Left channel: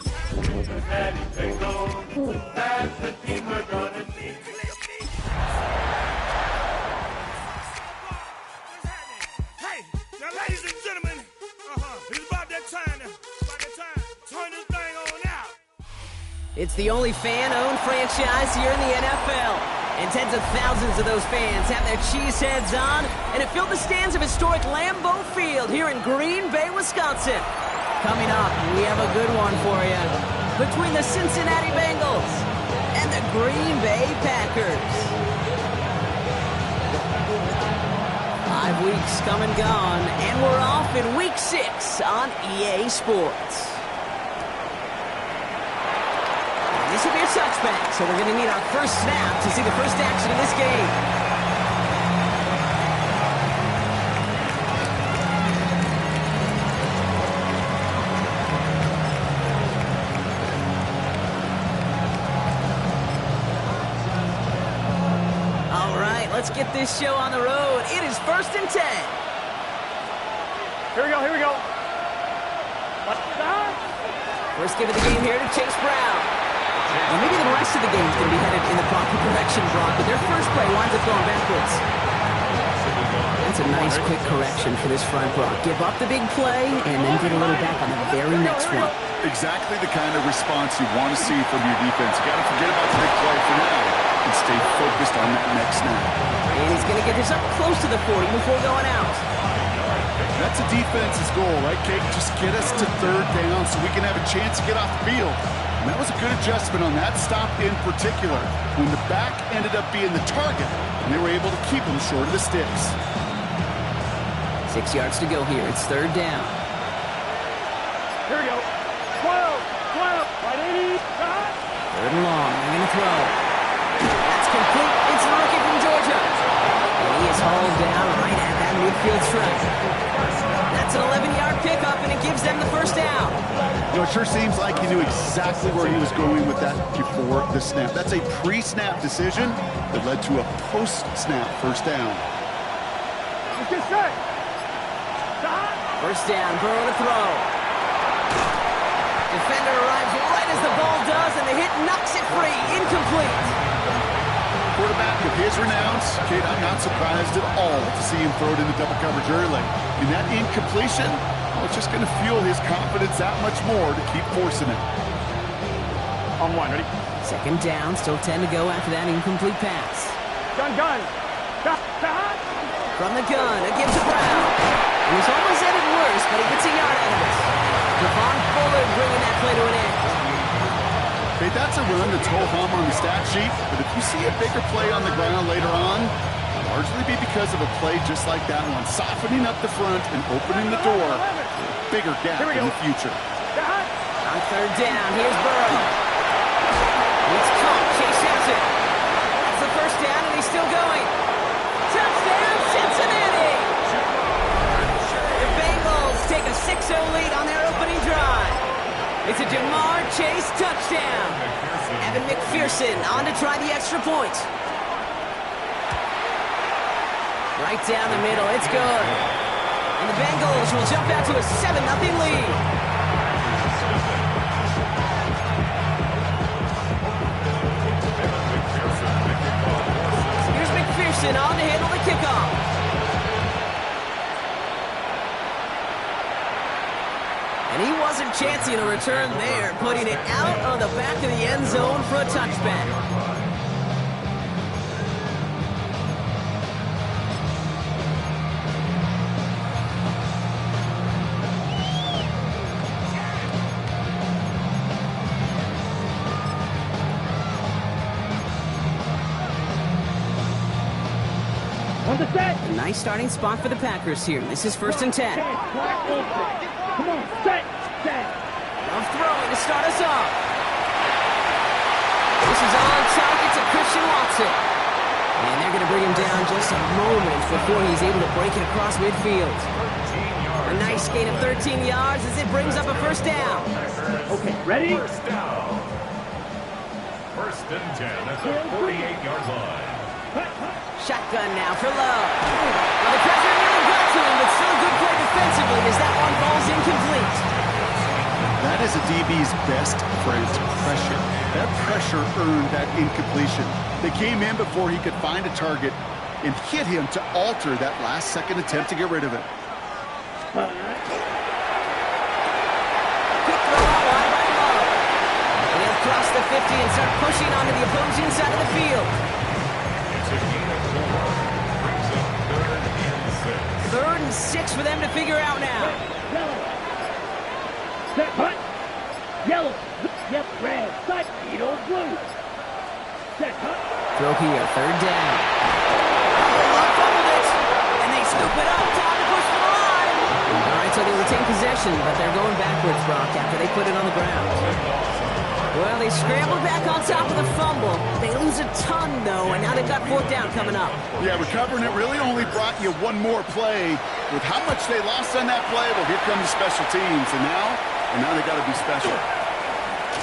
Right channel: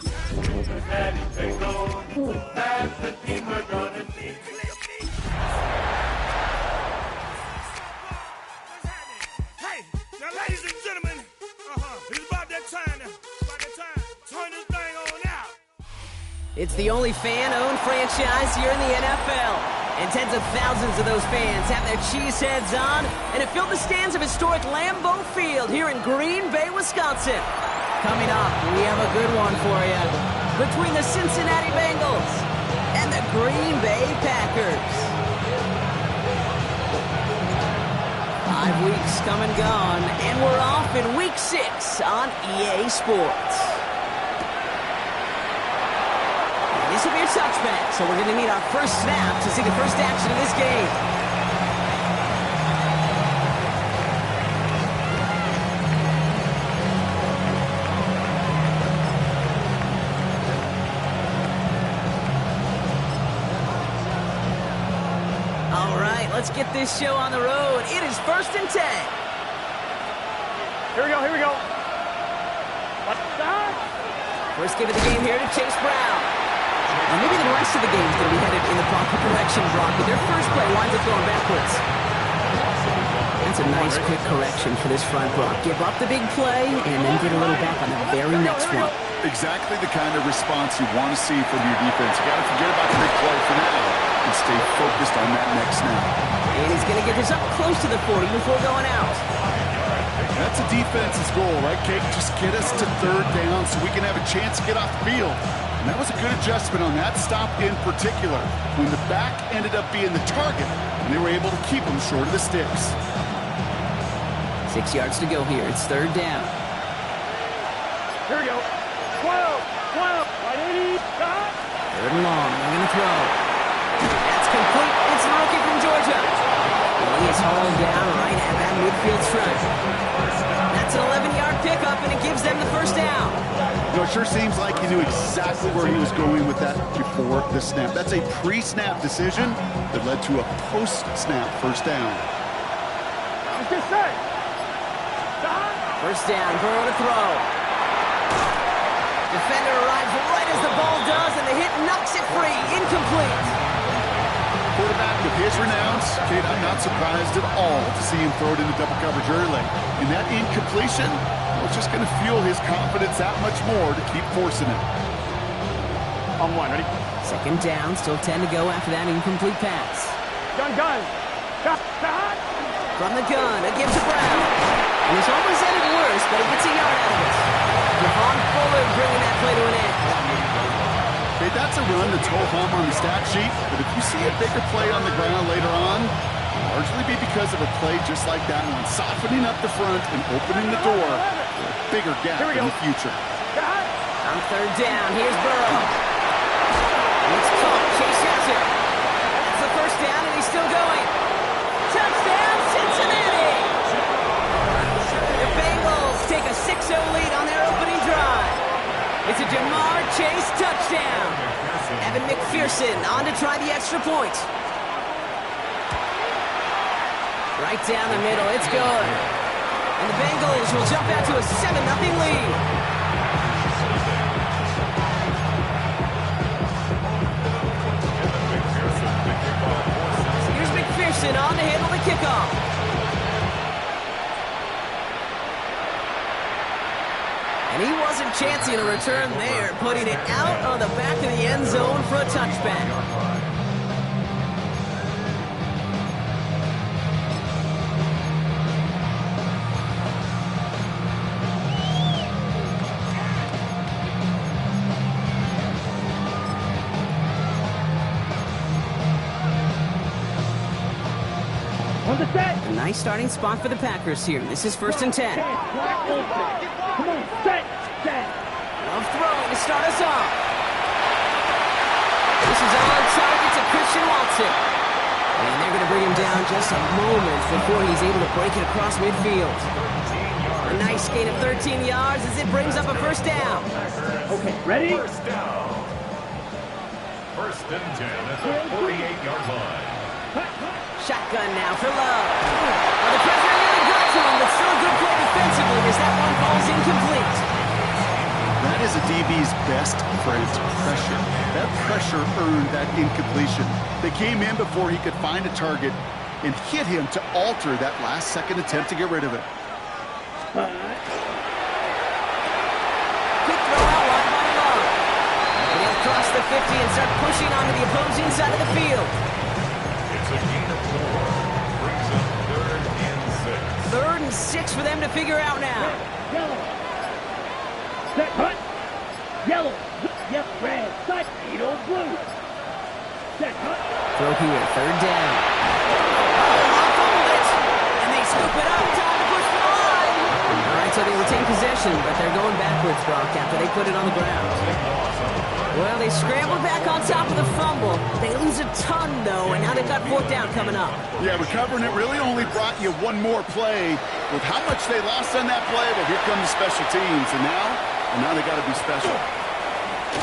Hey, now ladies and gentlemen, it's about that time to turn this thing on out. It's the only fan-owned franchise here in the NFL. And tens of thousands of those fans have their cheeseheads on, and it filled the stands of historic Lambeau Field here in Green Bay, Wisconsin. Coming up, we have a good one for you. Between the Cincinnati Bengals and the Green Bay Packers. 5 weeks come and gone, and we're off in Week 6 on EA Sports. This will be a touchback, so we're going to need our first snap to see the first action of this game. All right, let's get this show on the road. It is 1st and 10. Here we go. First give of the game here to Chase Brown. Now, maybe the rest of the game is going to be headed in the proper direction, Brock, but their first play winds up going backwards. That's a nice, quick correction for this front, Brock. Give up the big play and then get a little back on the very next one. Exactly the kind of response you want to see from your defense. You got to forget about the big play for now and stay focused on that next snap. And he's going to get this up close to the 40 before going out. That's a defense's goal, right, Kate? Just get us to 3rd down so we can have a chance to get off the field. And that was a good adjustment on that stop in particular, when the back ended up being the target, and they were able to keep him short of the sticks. 6 yards to go here. It's 3rd down. Here we go. 12, right 80, 3rd and long. They're going to throw. That's complete. It's the rookie from Georgia. And he is hauled down right at that midfield stripe. That's an 11-yard pickup, and it gives them the first down. You know, it sure seems like he knew exactly where he was going with that before the snap. That's a pre-snap decision that led to a post-snap first down. Let's get set. First down, Burrow to throw. Defender arrives right as the ball does, and the hit knocks it free. Incomplete. Quarterback of his renown, Kate, I'm not surprised at all to see him throw it into double coverage early. And that incompletion, well, it's just going to fuel his confidence that much more to keep forcing it. On one, ready? 2nd down, still 10 to go after that incomplete pass. Gun. From the gun, it gives to Brown. And this almost ended worse, but he gets a yard out of it. Javon Fuller bringing that play to an end. Okay, that's a run that's ho-hum on the stat sheet, but if you see a bigger play on the ground later on, it'll largely be because of a play just like that one, softening up the front and opening the door for a bigger gap in the future. On 3rd down, here's Burrow. It's caught. Chase has it. That's the first down, and he's still going. Touchdown, Cincinnati! The Bengals take a 6-0 lead on their opening drive. It's a Jamar Chase touchdown. Evan McPherson on to try the extra point. Right down the middle, it's good. And the Bengals will jump out to a 7-0 lead. Here's McPherson on to handle the kickoff. And he wasn't chancing a return there, putting it out on the back of the end zone for a touchback. A nice starting spot for the Packers here. This is 1st and 10. Come on, set. Love throwing to start us off. This is on target to Christian Watson. And they're going to bring him down just a moment before he's able to break it across midfield. A nice gain of 13 yards as it brings up a first down. Okay, ready? First down. 1st and 10 at the 48-yard line. Shotgun now for Love. Well, the pressure nearly got to him, but still a good play defensively as that one falls incomplete. That That is a DB's best friend, pressure. That pressure earned that incompletion. They came in before he could find a target and hit him to alter that last-second attempt to get rid of it. Quick throw out wide by Love. And he'll cross the 50 and start pushing onto the opposing side of the field. It's a gain of 4. Brings up 3rd and 6. 3rd and 6 for them to figure out now. Yellow. Set, hut. Yellow. Yep, red. Side. Edo, blue. Set, hut. Throw here, 3rd down. Love fumbled it. And they scoop it up. Time to push for the line. All right, so they retain possession, but they're going backwards, Brock, after they put it on the ground. Well, they scrambled back on top of the fumble. They lose a ton, though, and now they've got 4th down coming up. Yeah, recovering it really only brought you one more play. With how much they lost on that play, well, here come the special teams. And now they got to be special. And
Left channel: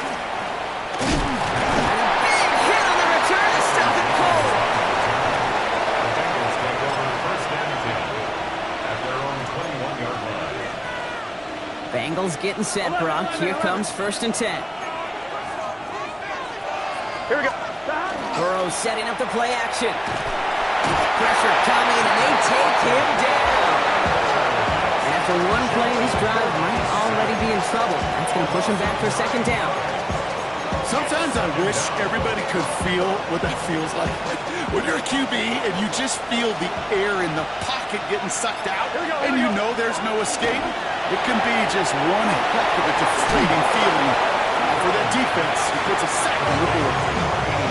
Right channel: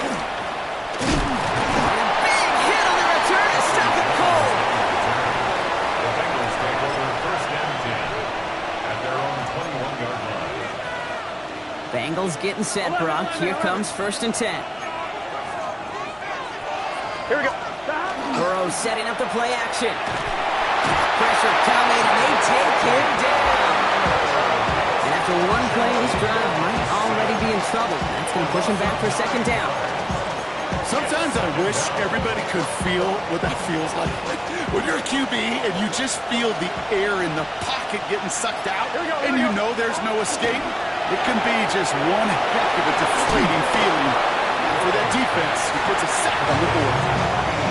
a big hit on the return to stop it cold. The Bengals take over 1st and 10 at their own 21-yard line. Bengals getting set, Brock. Here comes 1st and 10. Here we go. Burrow setting up the play action. Pressure coming, and they take him down. And after one play, this drive might already be in trouble. That's going to push him back for 2nd down. Sometimes I wish everybody could feel what that feels like. When you're a QB and you just feel the air in the pocket getting sucked out, and you know there's no escape, it can be just one heck of a deflating feeling. For that defense, he puts a sack on the board.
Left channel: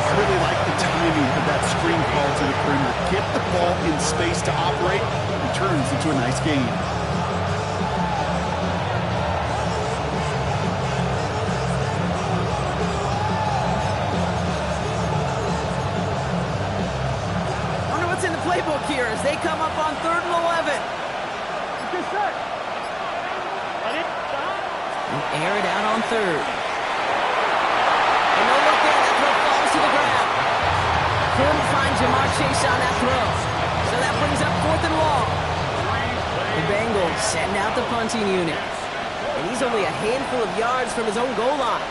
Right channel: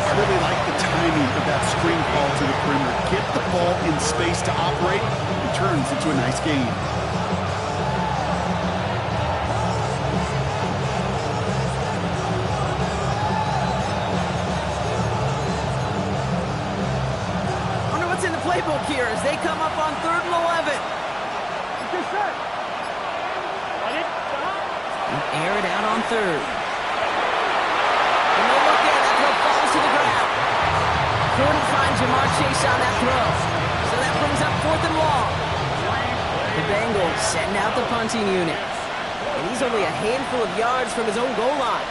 I really like the timing of that screen call to the perimeter. Get the ball in space to operate, and turns into a nice gain. Wonder what's in the playbook here as they come up on 3rd and 11. Just set. Ready? Stop. Air it out on 3rd. And no look there, that throw falls to the ground. Couldn't find Jamar Chase on that throw. So that brings up 4th and long. The Bengals send out the punting unit. And he's only a handful of yards from his own goal line.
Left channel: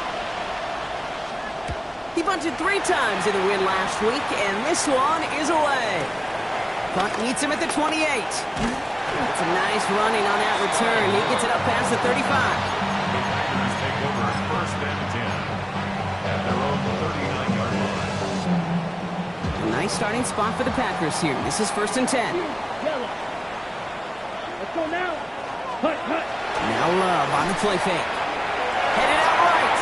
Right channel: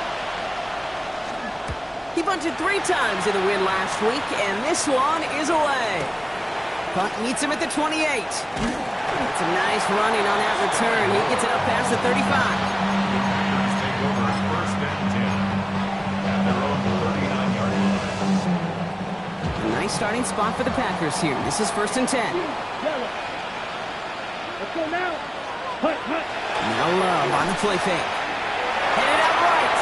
He punted 3 times in the win last week, and this one is away. Punt meets him at the 28. It's a nice running on that return. He gets it up past the 35. The Packers take over 1st and 10 at their own 39-yard line. A nice starting spot for the Packers here. This is 1st and 10. Yellow. Let's go now. Hut, hut. Now Love on the play fake. Headed out right.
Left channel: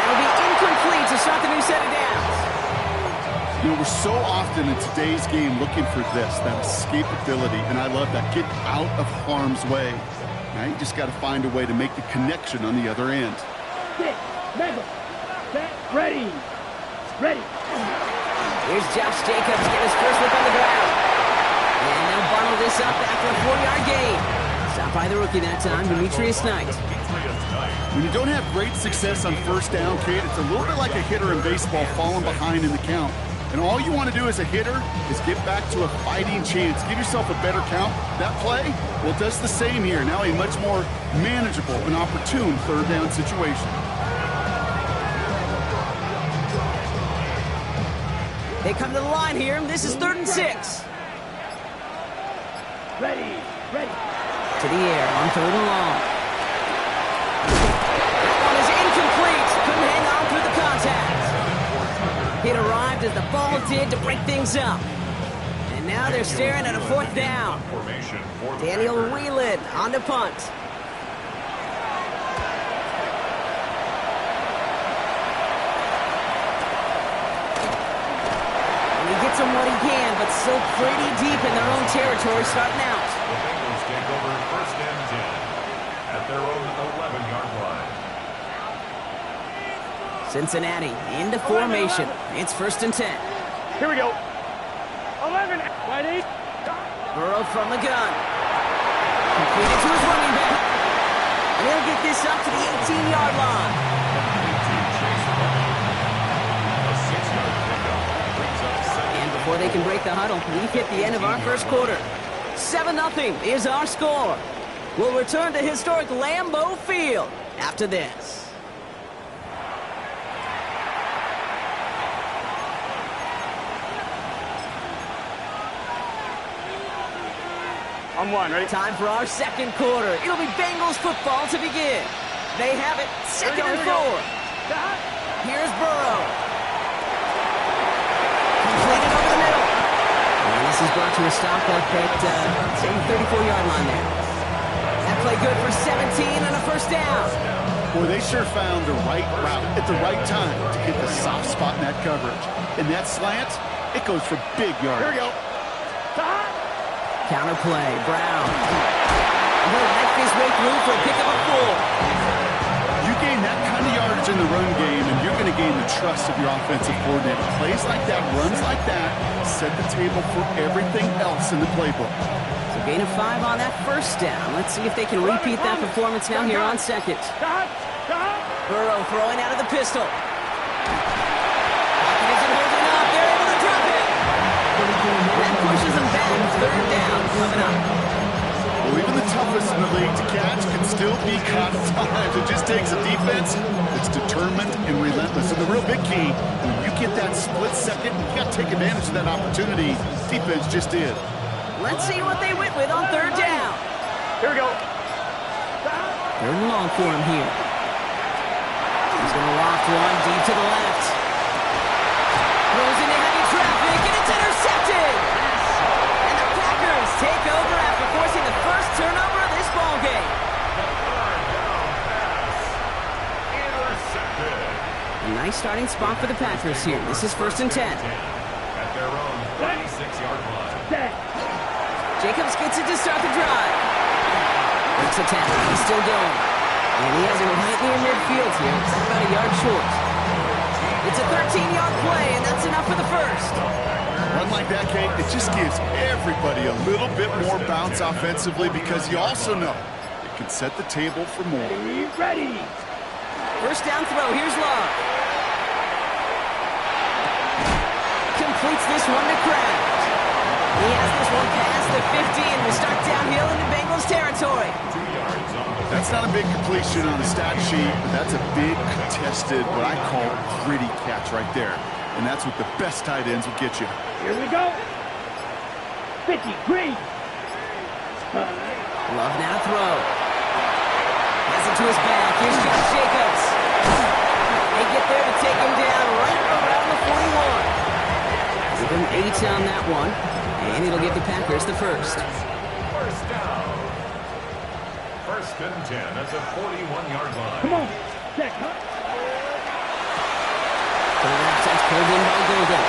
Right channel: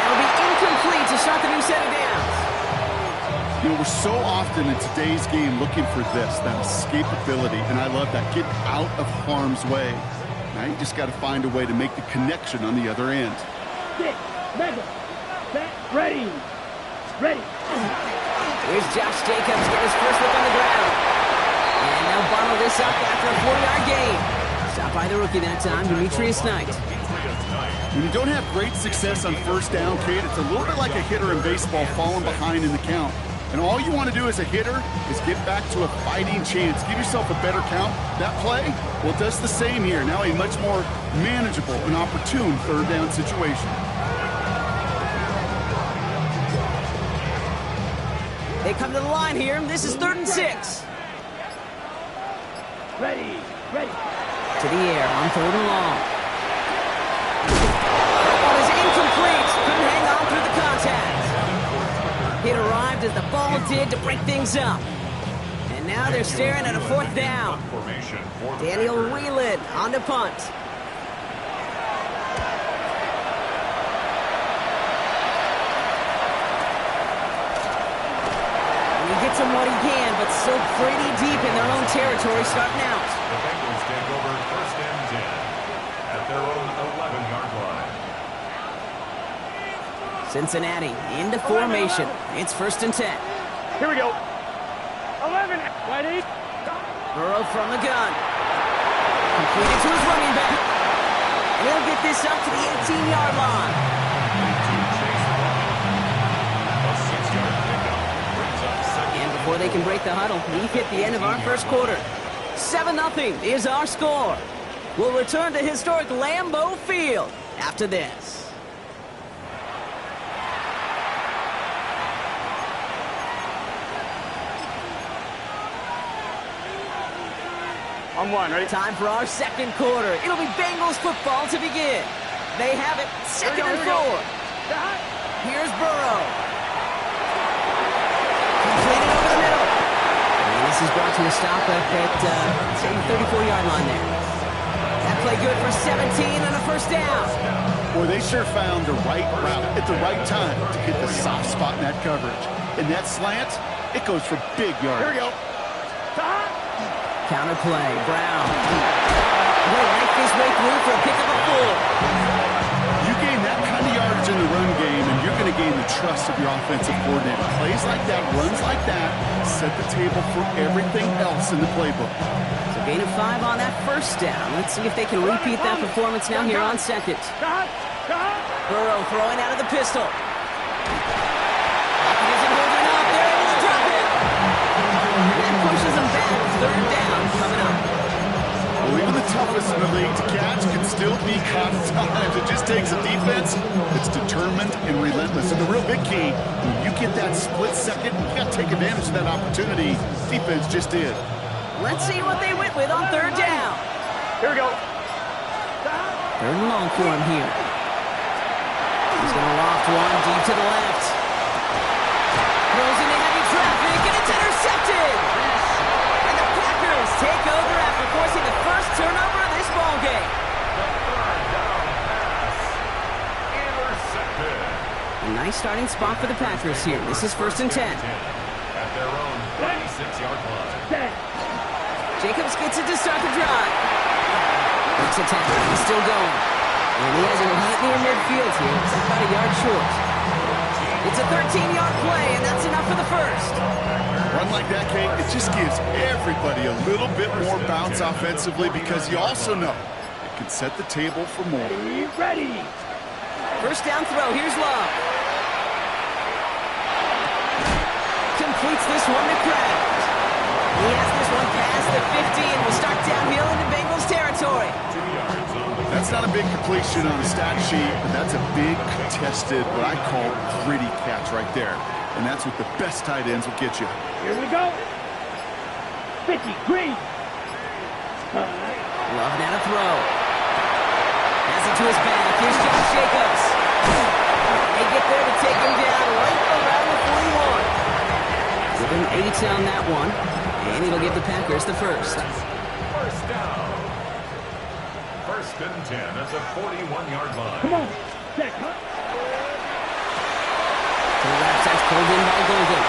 That'll be incomplete to start the new set of downs. You know, we're so often in today's game looking for this, that escapability, and I love that. Get out of harm's way. Now you just got to find a way to make the connection on the other end. 6, mega. Set, ready. Ready. Here's Josh Jacobs getting his first look on the ground. And they'll bundle this up after a 4-yard gain. Stopped by the rookie that time, Demetrius Knight. When you don't have great success on 1st down, Kate, it's a little bit like a hitter in baseball falling behind in the count. And all you want to do as a hitter is get back to a fighting chance. Give yourself a better count. That play, well, does the same here. Now a much more manageable and opportune 3rd down situation. They come to the line here. This is 3rd and 6. Ready. Ready. To the air on 3rd and long. That one is incomplete. Couldn't hang on through the contact. It arrived as the ball did to break things up. And now they're staring at a 4th down. Daniel Whelan on the punt. And he gets him what he can, but still pretty deep in their own territory starting out. The Bengals take over 1st and 10 at their own 11-yard line. Cincinnati into formation. It's 1st and 10. Here we go. 11. Ready. Burrow from the gun. Completed to his running back. And he'll get this up to the 18-yard line. A 6-yard pickup brings up 2nd. And before they can break the huddle, we've hit the end of our 1st quarter. 7-0 is our score. We'll return to historic Lambeau Field. after this. On one, ready? Time for our second quarter. It'll be Bengals football to begin. They have it, second and 4. Here's Burrow. Completed over the middle. And this is brought to a stop up at, say, 34-yard line there. That play good for 17 and a first down. Boy, they sure found the right route at the right time to hit the soft spot in that coverage. And that slant, it goes for big yardage. Here we go. Counter play, Brown. He'll knife his way through for a pickup of 4. You gain that kind of yardage in the run game, and you're going to gain the trust of your offensive coordinator. Plays like that, runs like that, set the table for everything else in the playbook. So gain of 5 on that first down. Let's see if they can repeat that performance now here on second. Burrow throwing out of the pistol. Pocket isn't holding up. They're able to drop it. That pushes them back. Third down coming up. Well, even the toughest in the league to catch can still be caught at times. It just takes a defense that's determined and relentless. And the real big key, when you get that split second, you got to take advantage of that opportunity. Defense just did. Let's see what they went with on third down. Here we go. Third and long for him here. He's going to loft one deep to the left. Throws into heavy traffic, and it's intercepted. And the Packers take over after forcing the first turnover of this ballgame. The third down pass. Intercepted. A nice starting spot for the Packers here. This is first and 10. At their own 36-yard line. Jacobs gets it to start the drive. Breaks a tackle. He's still going. And he has it right near midfield here. It's about a yard short. It's a 13-yard play, and that's enough for the first. Run like that, Kate, it just gives everybody a little bit more bounce offensively because you also know it can set the table for more. Ready. First down throw. Here's Love. Completes this one to Kraft. He has this one past the 50 and will start downhill into Bengals territory. 2 yards on the That's not a big completion on a stat sheet, but that's a big contested, what I call gritty catch right there. And that's what the best tight ends will get you. Here we go. 50, green. Love now to throw. Has it to his back. Here's Josh Jacobs. They get there to take him down right around the 41. Give him 8 on that one. And it'll give the Packers the first. first down. First and 10 at the 41-yard line. Come on. Set, cut. To the left, that's pulled in by Golden.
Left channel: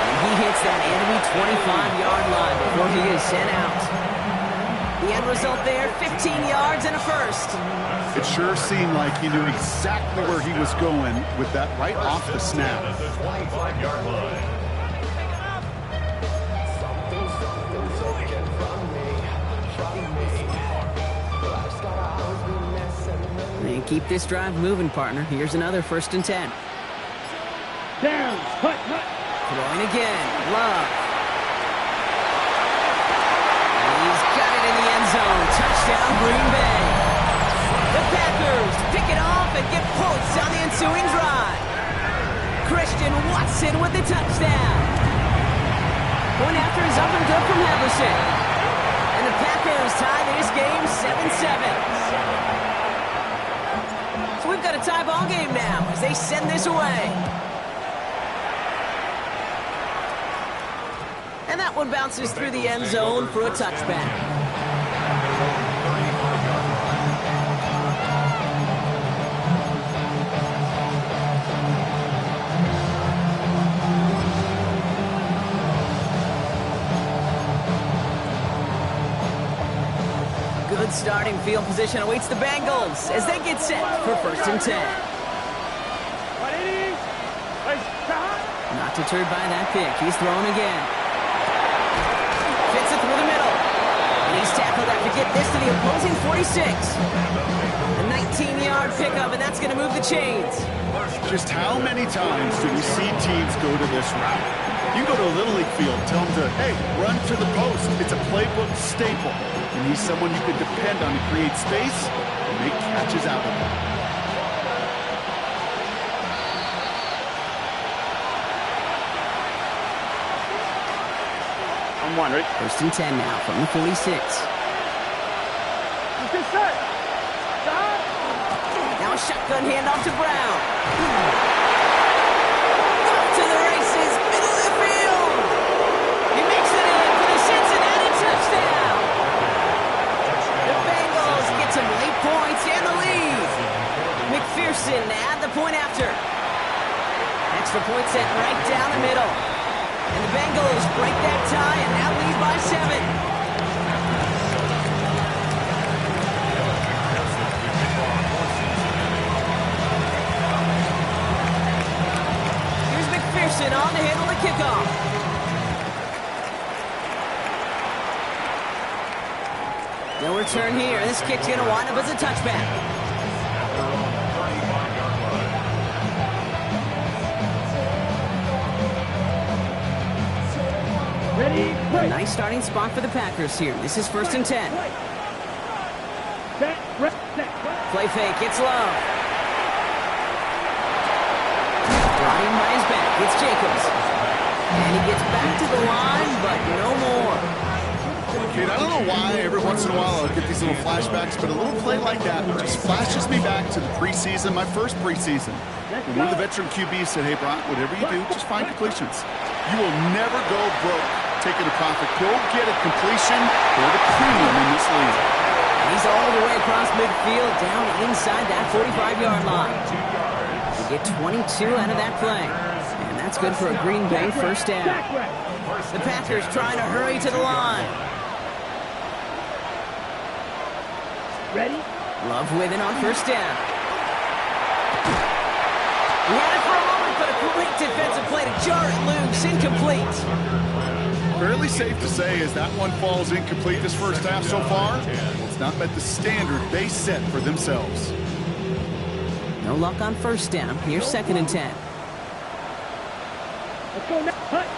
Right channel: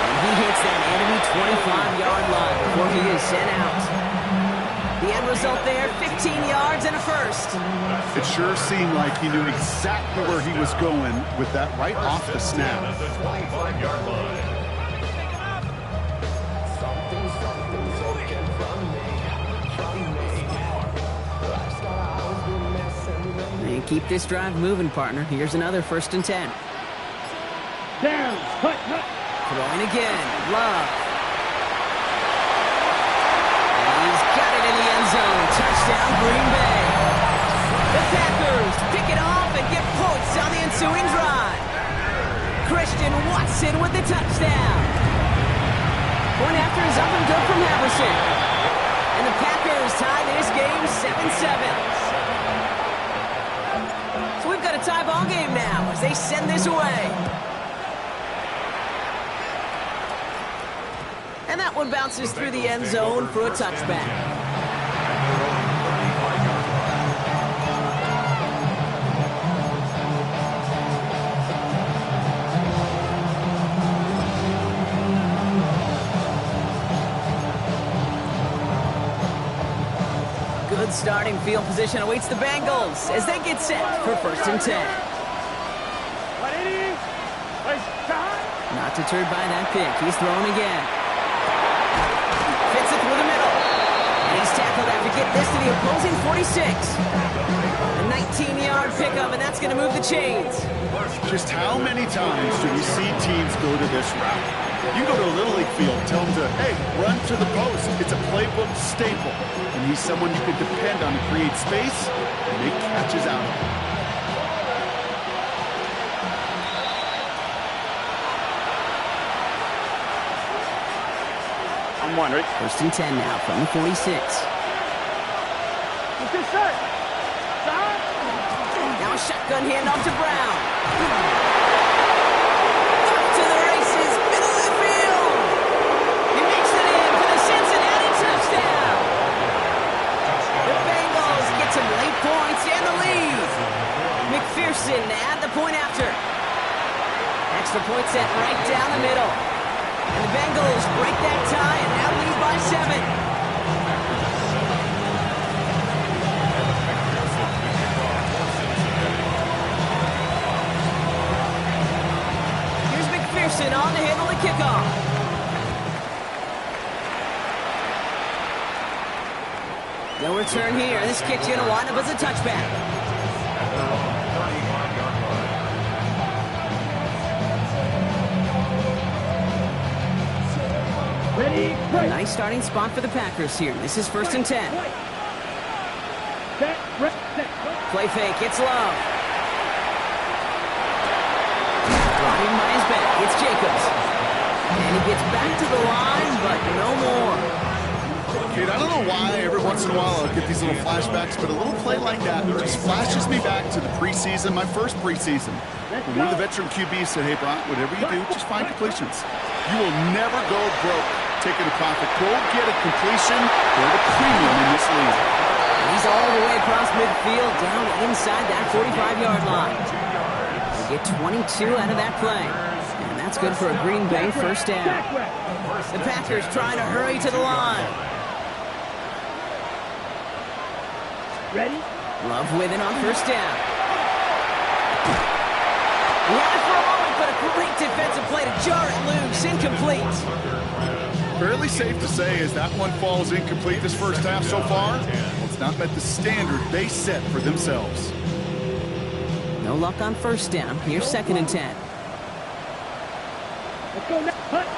And he hits that enemy 25-yard line before he is sent out. The end result there, 15 yards and a first. It sure seemed like he knew exactly where he was going with that right off the snap. At the 25-yard line. And keep this drive moving, partner. Here's another first and 10. Down. Cut, cut. Throwing again. Love. And he's got it in the end zone. Touchdown, Green Bay. The Packers pick it off and get points on the ensuing drive. Christian Watson with the touchdown. Point after is up and good from Haverson. And the Packers tie this game 7-7. So we've got a tie ball game now as they send this away. And that one bounces through the end zone for a touchback. At their own 35-yard line. Good starting field position awaits the Bengals as they get set for first and 10. What it is? Let's start. Not deterred by that pick. He's throwing again. Fits it through the middle. And he's tackled after getting this to the opposing 46. A 19-yard pickup, and that's going to move the chains. Just how many times do we see teams go to this route? You can go to a Little League field, tell him to, hey, run to the post. It's a playbook staple. And he's someone you can depend on to create space and make catches out of it. I'm one, right? 1st and 10 now from the 46. Now a shotgun handoff to Brown. Off to the races, middle of the field. He makes it in for the Cincinnati touchdown. The Bengals get some late points and the lead. McPherson add the point after. Extra point sent right down the middle. And the Bengals break that tie and now lead by 7. Here's McPherson on to handle the kickoff. No return here. This kick's going to wind up as a touchback. At their own 35-yard line. Ready, break. Nice starting spot for the Packers here. This is 1st and 10. Set, set. Play fake. It's Love. Brought in by his back. It's Jacobs. And he gets back to the line, but no more. Kate, I don't know why every once in a while I'll get these little flashbacks, but a little play like that just flashes me back to the preseason, my first preseason. When one of the veteran QBs said, hey, Brock, whatever you do, just find completions. You will never go broke taking a profit. Go get a completion or a premium in this league. And he's all the way across midfield, down inside that 45-yard line. We get 22 out of that play. And that's good for a Green Bay first down. The Packers trying to hurry to the line. Ready? Love with it on first down. He had it for a moment, but a great defensive play to jar it loose. Incomplete. Fairly safe to say as that one falls incomplete this first half so far, well, it's not met the standard they set for themselves. No luck on first down. Here's 2nd and 10. Let's go now. Hut.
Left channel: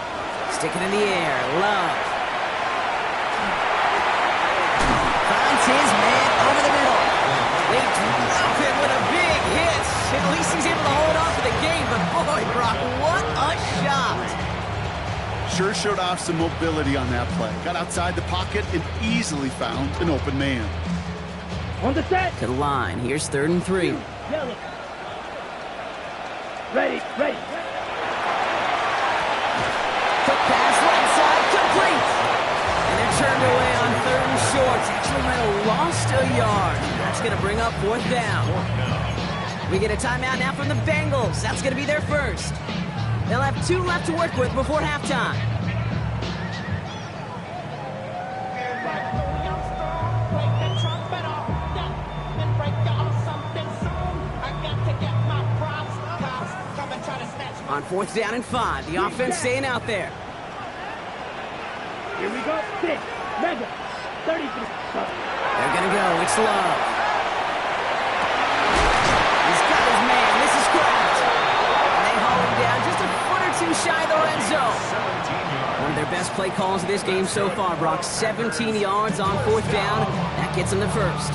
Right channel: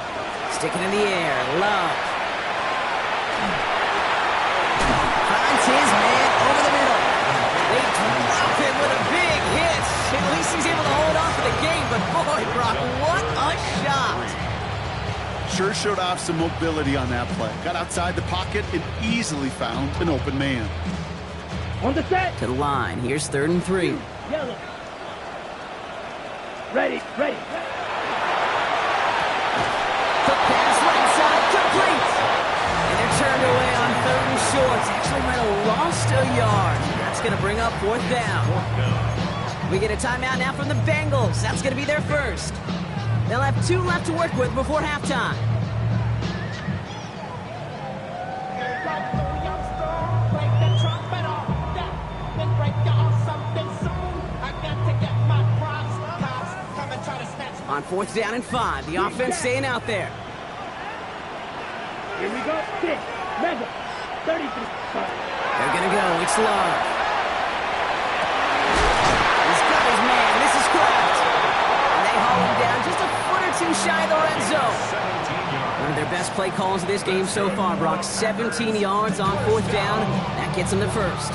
Stick it in the air. Love. Finds his man over the middle. They drop him with a big hit. At least he's able to hold on for the game. But boy, Brock, what a shot. Sure showed off some mobility on that play. Got outside the pocket and easily found an open man. On the set. To the line. Here's 3rd and 3. Yellow. Ready, ready. Quick pass right side, complete. And they're turned away on 3rd and short. Actually might have lost a yard. That's going to bring up 4th down. We get a timeout now from the Bengals. That's going to be their first. They'll have 2 left to work with before halftime. On 4th down and 5, the offense staying out there. Here we go. 6. Mega. 33. They're going to go. It's Love. He's got his man. This is Kraft. And they haul him down just a foot or 2 shy of the red zone. One of their best play calls of this game so far, Brock. 17 yards on 4th down. That gets them the first.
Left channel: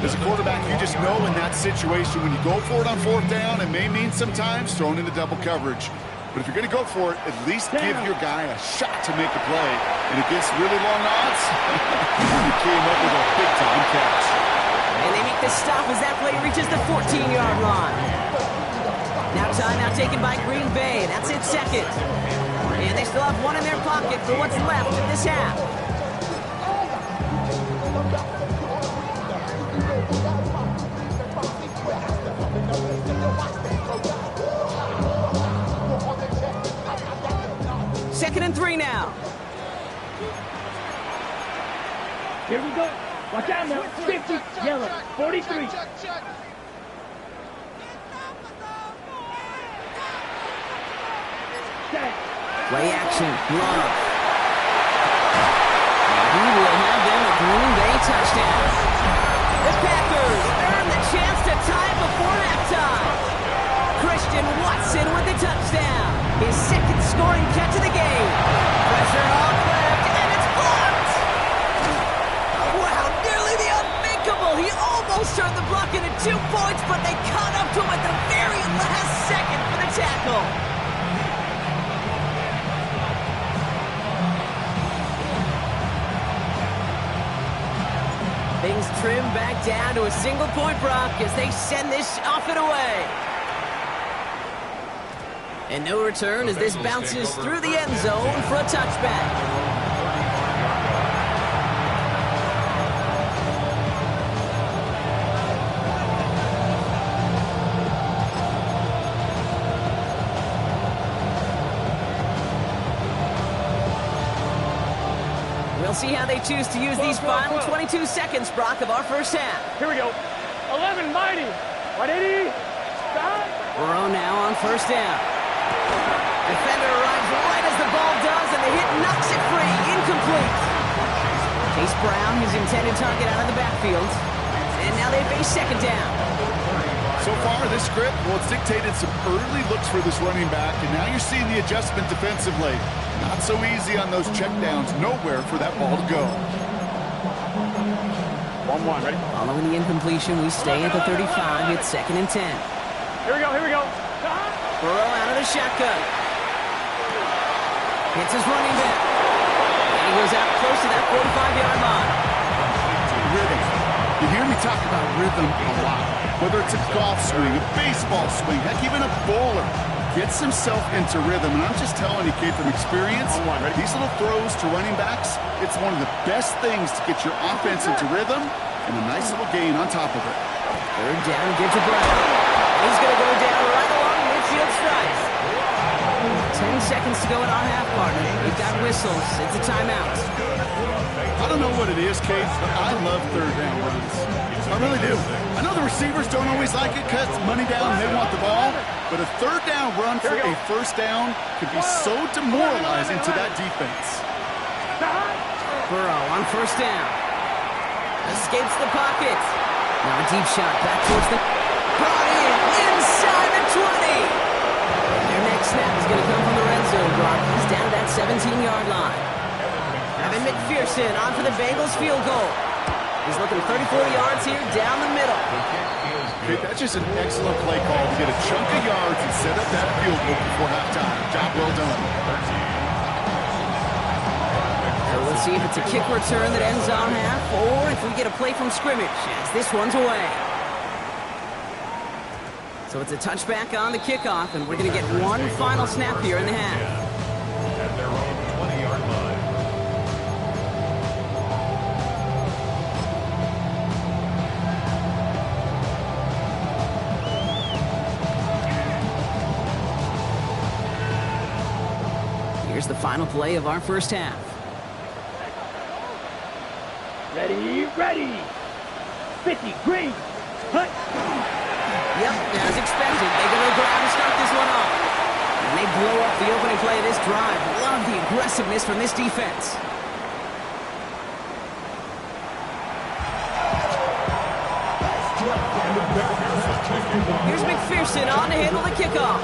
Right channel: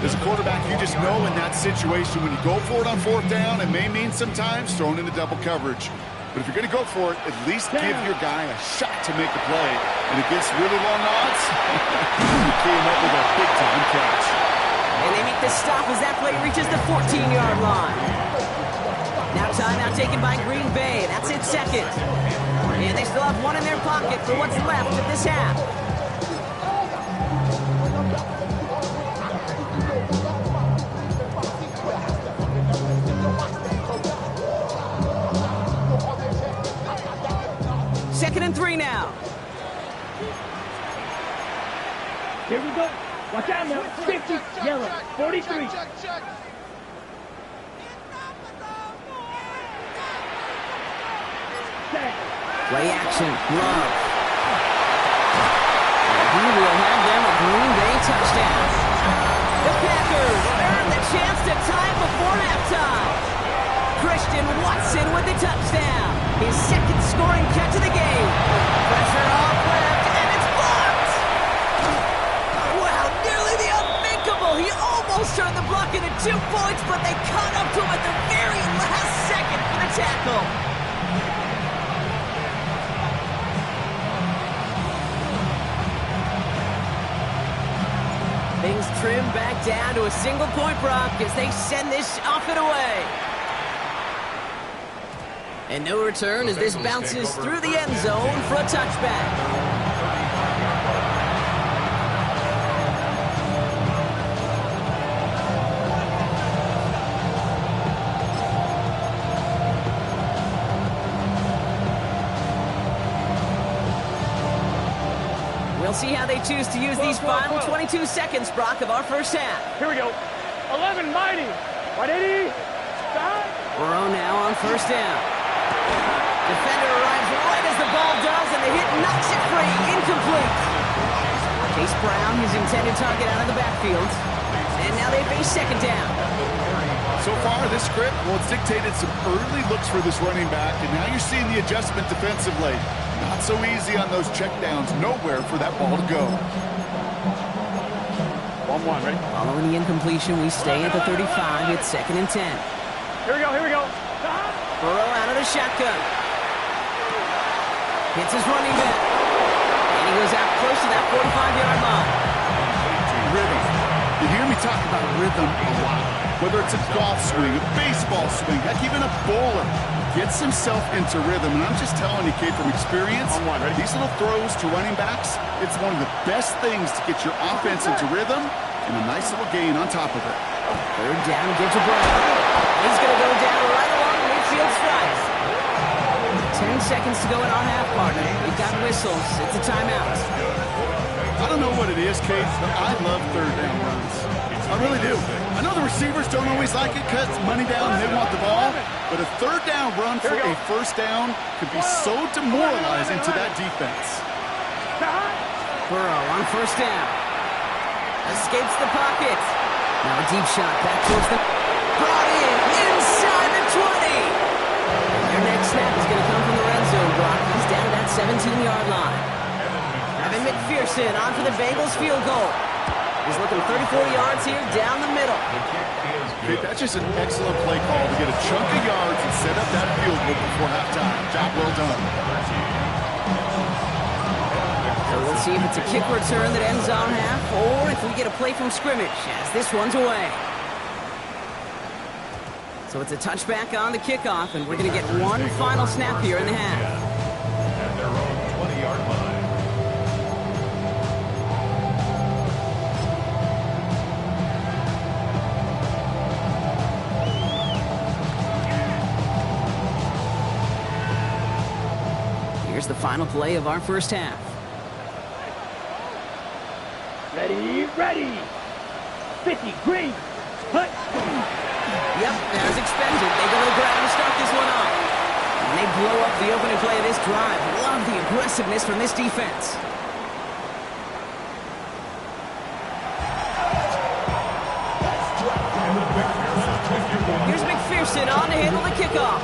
As a quarterback, you just know in that situation when you go for it on 4th down, it may mean sometimes thrown into double coverage. But if you're going to go for it, at least give your guy a shot to make the play. And against really long odds, he came up with a big-time catch. And they make the stop as that play reaches the 14-yard line. Now timeout taken by Green Bay. That's its 2nd. And they still have 1 in their pocket for what's left of this half. Second and 3 now. Here we go. Watch out now. 50. Yellow. 43. Set. Play action. Love. And he will have them a Green Bay touchdown. The Packers earn the chance to tie before halftime. Christian Watson with the touchdown. His second scoring catch of the game. Pressure off left, and it's blocked. Wow, nearly the unthinkable. He almost turned the block into 2 points, but they caught up to him at the very last second for the tackle. Things trim back down to a single point, Brock, as they send this off and away. And no return as this bounces through the end zone for a touchback. We'll see how they choose to use these final 22 seconds, Brock, of our first half. Here we go. 11 mighty. 180. Stop. Burrow now on first down. Defender arrives right as the ball does, and the hit knocks it free. Incomplete. Chase Brown, his intended target, out of the backfield. And now they face second down. So far, this script, well, it's dictated some early looks for this running back, and now you're seeing the adjustment defensively. Not so easy on those checkdowns. Nowhere for that ball to go. 1-1, ready? Following the incompletion, we stay at the 35. It's 2nd and 10. Here we go, here we go. Burrow out of the shotgun. Hits his running back. And he goes out close to that 45-yard line. Rhythm. You hear me talk about rhythm a lot. Whether it's a golf swing, a baseball swing, heck, even a bowler. Gets himself into rhythm, and I'm just telling you, kid, from experience, these little throws to running backs, it's one of the best things to get your offense into rhythm and a nice little gain on top of it. Third down, give to Brown. He's going to go down right along midfield stripe. 10 seconds to go in our half, partner. We've got whistles. It's a timeout. I don't know what it is, Kate, but I love third down runs. I really do. I know the receivers don't always like it because it's money down and they want the ball, but a third down run for a first down could be so demoralizing to that defense. Burrow on first down. Escapes the pocket. Now a deep shot back towards the... Brought in inside the 20. And their next snap is going to come from the red zone, Brock. He's down to that 17-yard line. Evan McPherson on for the Bengals field goal. He's looking 34 yards here down the middle. Okay, that's just an excellent play call to get a chunk of yards and set up that field goal before halftime. Job well done. So we'll see if it's a kick return that ends on half, or if we get a play from scrimmage as this one's away. So it's a touchback on the kickoff, and we're going to get one final snap here in the half. At their own 20-yard line. Here's the final play of our first half. Ready, ready. 50, green. Hut. Yep, as expected, they go to the ground to start this one off. And they blow up the opening play of this drive. Love the aggressiveness from this defense. Here's McPherson on to handle the kickoff.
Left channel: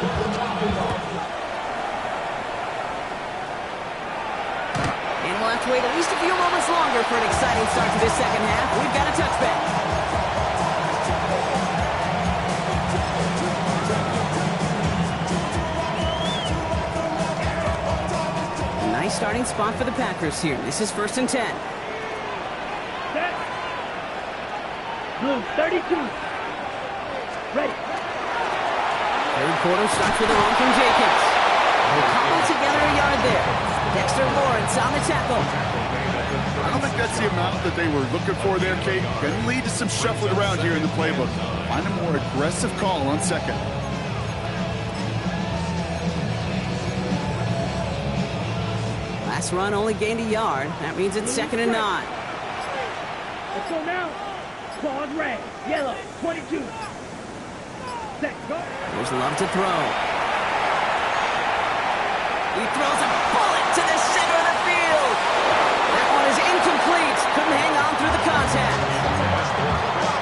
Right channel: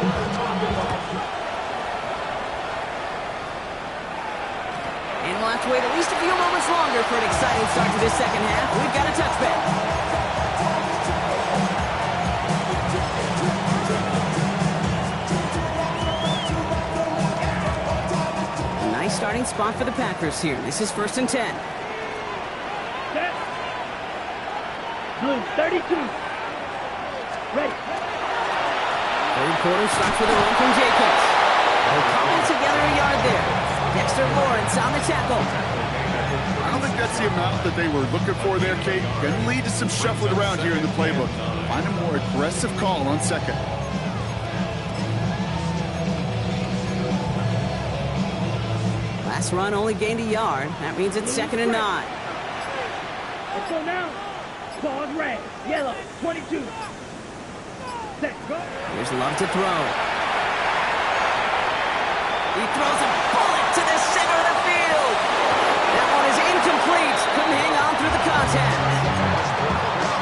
And we'll have to wait at least a few moments longer for an exciting start to this second half. We've got a touchback. Nice starting spot for the Packers here. This is 1st and 10. Set. Blue, 32. Ready. Third quarter starts with a run from Jacobs. They'll cobble together a yard there. Dexter Lawrence on the tackle. I don't think that's the amount that they were looking for there, Kate. Can lead to some shuffling around here in the playbook. Find a more aggressive call on second. Last run only gained a yard. That means it's 2nd and 9. Let's go now. Claws red, yellow, 22. Set, go. Here's Love to throw. He throws a bullet to the center of the field. That one is is incomplete. Couldn't hang on through the contact.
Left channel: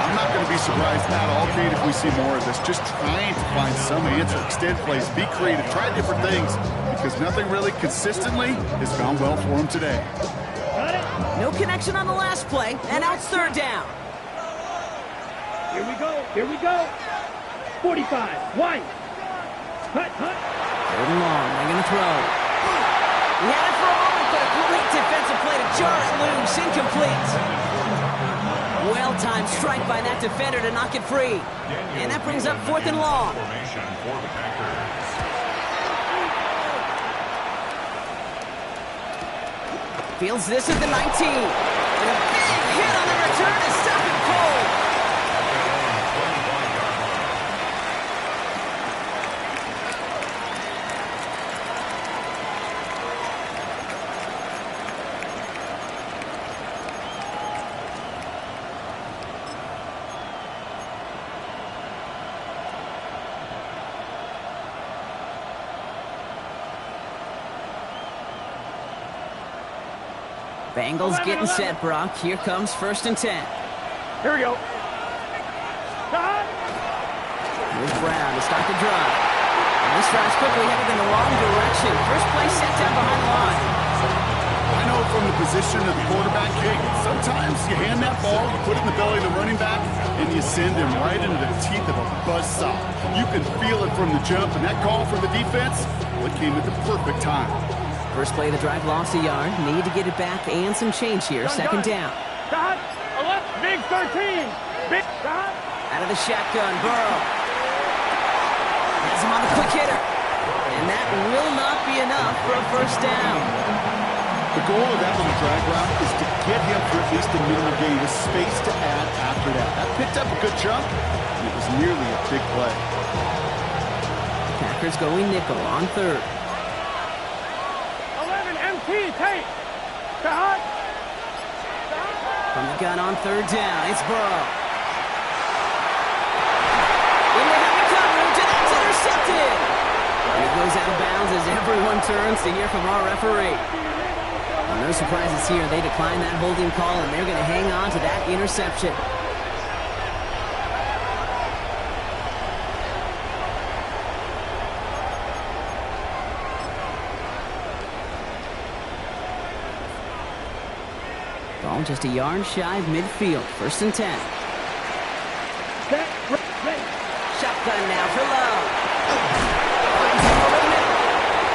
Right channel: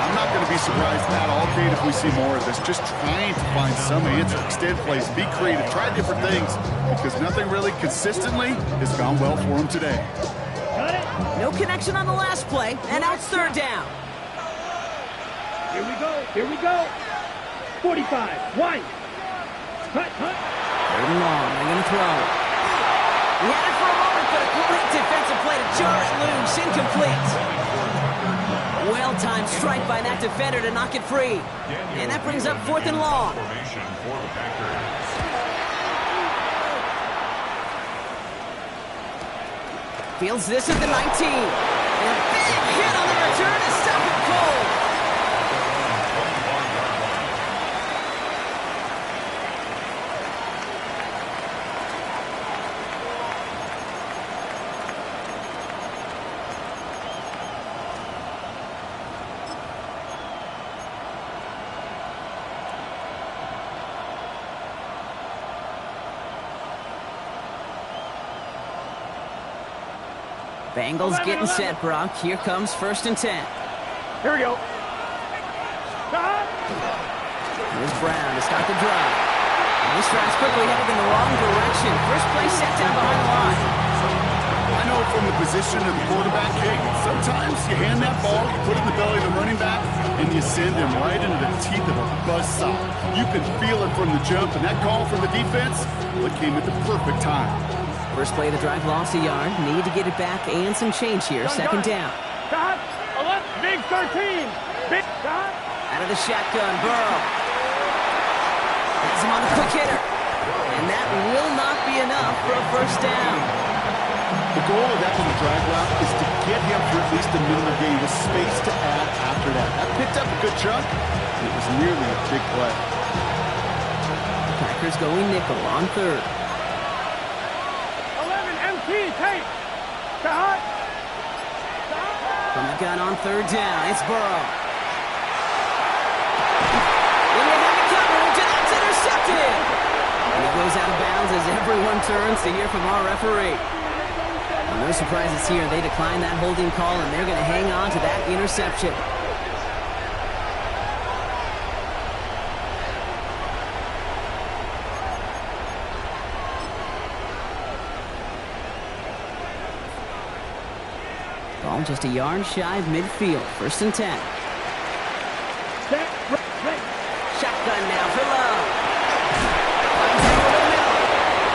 I'm not going to be surprised at all, Kate, if we see more of this. Just trying to find some answer, extend plays, be creative, try different things, because nothing really consistently has gone well for him today. No connection on the last play, and now it's third down. Here we go. Here we go. 45. One. Hut, hut. Third and long. They're going to throw. He had it for a moment, but a great defensive play to jar it loose. Incomplete. Well-timed strike by that defender to knock it free. And that brings up fourth and long. Formation for the Packers. Fields this at the 19. And a big hit on the return to stop him cold. At their own 21-yard line. Bengals getting set, Brock. Here comes first and 10. Here we go. Here's Brown to start the drive. And this drive's quickly headed in the wrong direction. First play set down behind the line. I know from the position of the quarterback, Kate, sometimes you hand that ball, you put it in the belly of the running back, and you send him right into the teeth of a buzzsaw. You can feel it from the jump, and that call from the defense, well, it came at the perfect time. First play of the drive lost a yard. Need to get it back and some change here. Second down. Stop. 11. Big 13. Big stop. Out of the shotgun, Burrow. Has him on the quick hitter. And that will not be enough for a first down. The goal of that little drag route is to get him for at least a minimum gain with space to add after that. That picked up a good chunk, and it was nearly a big play. Packers going nickel on third. 11. MT. Take. Stop. From the gun on third down, it's Burrow. Into heavy coverage, and that's intercepted. And he goes out of bounds as everyone turns to hear from our referee. Well, no surprises here. They decline that holding call, and they're going to hang on to that interception. Ball just a yard shy of midfield. First and 10. Set. Ready. Shotgun now for Love. Finds him over the middle.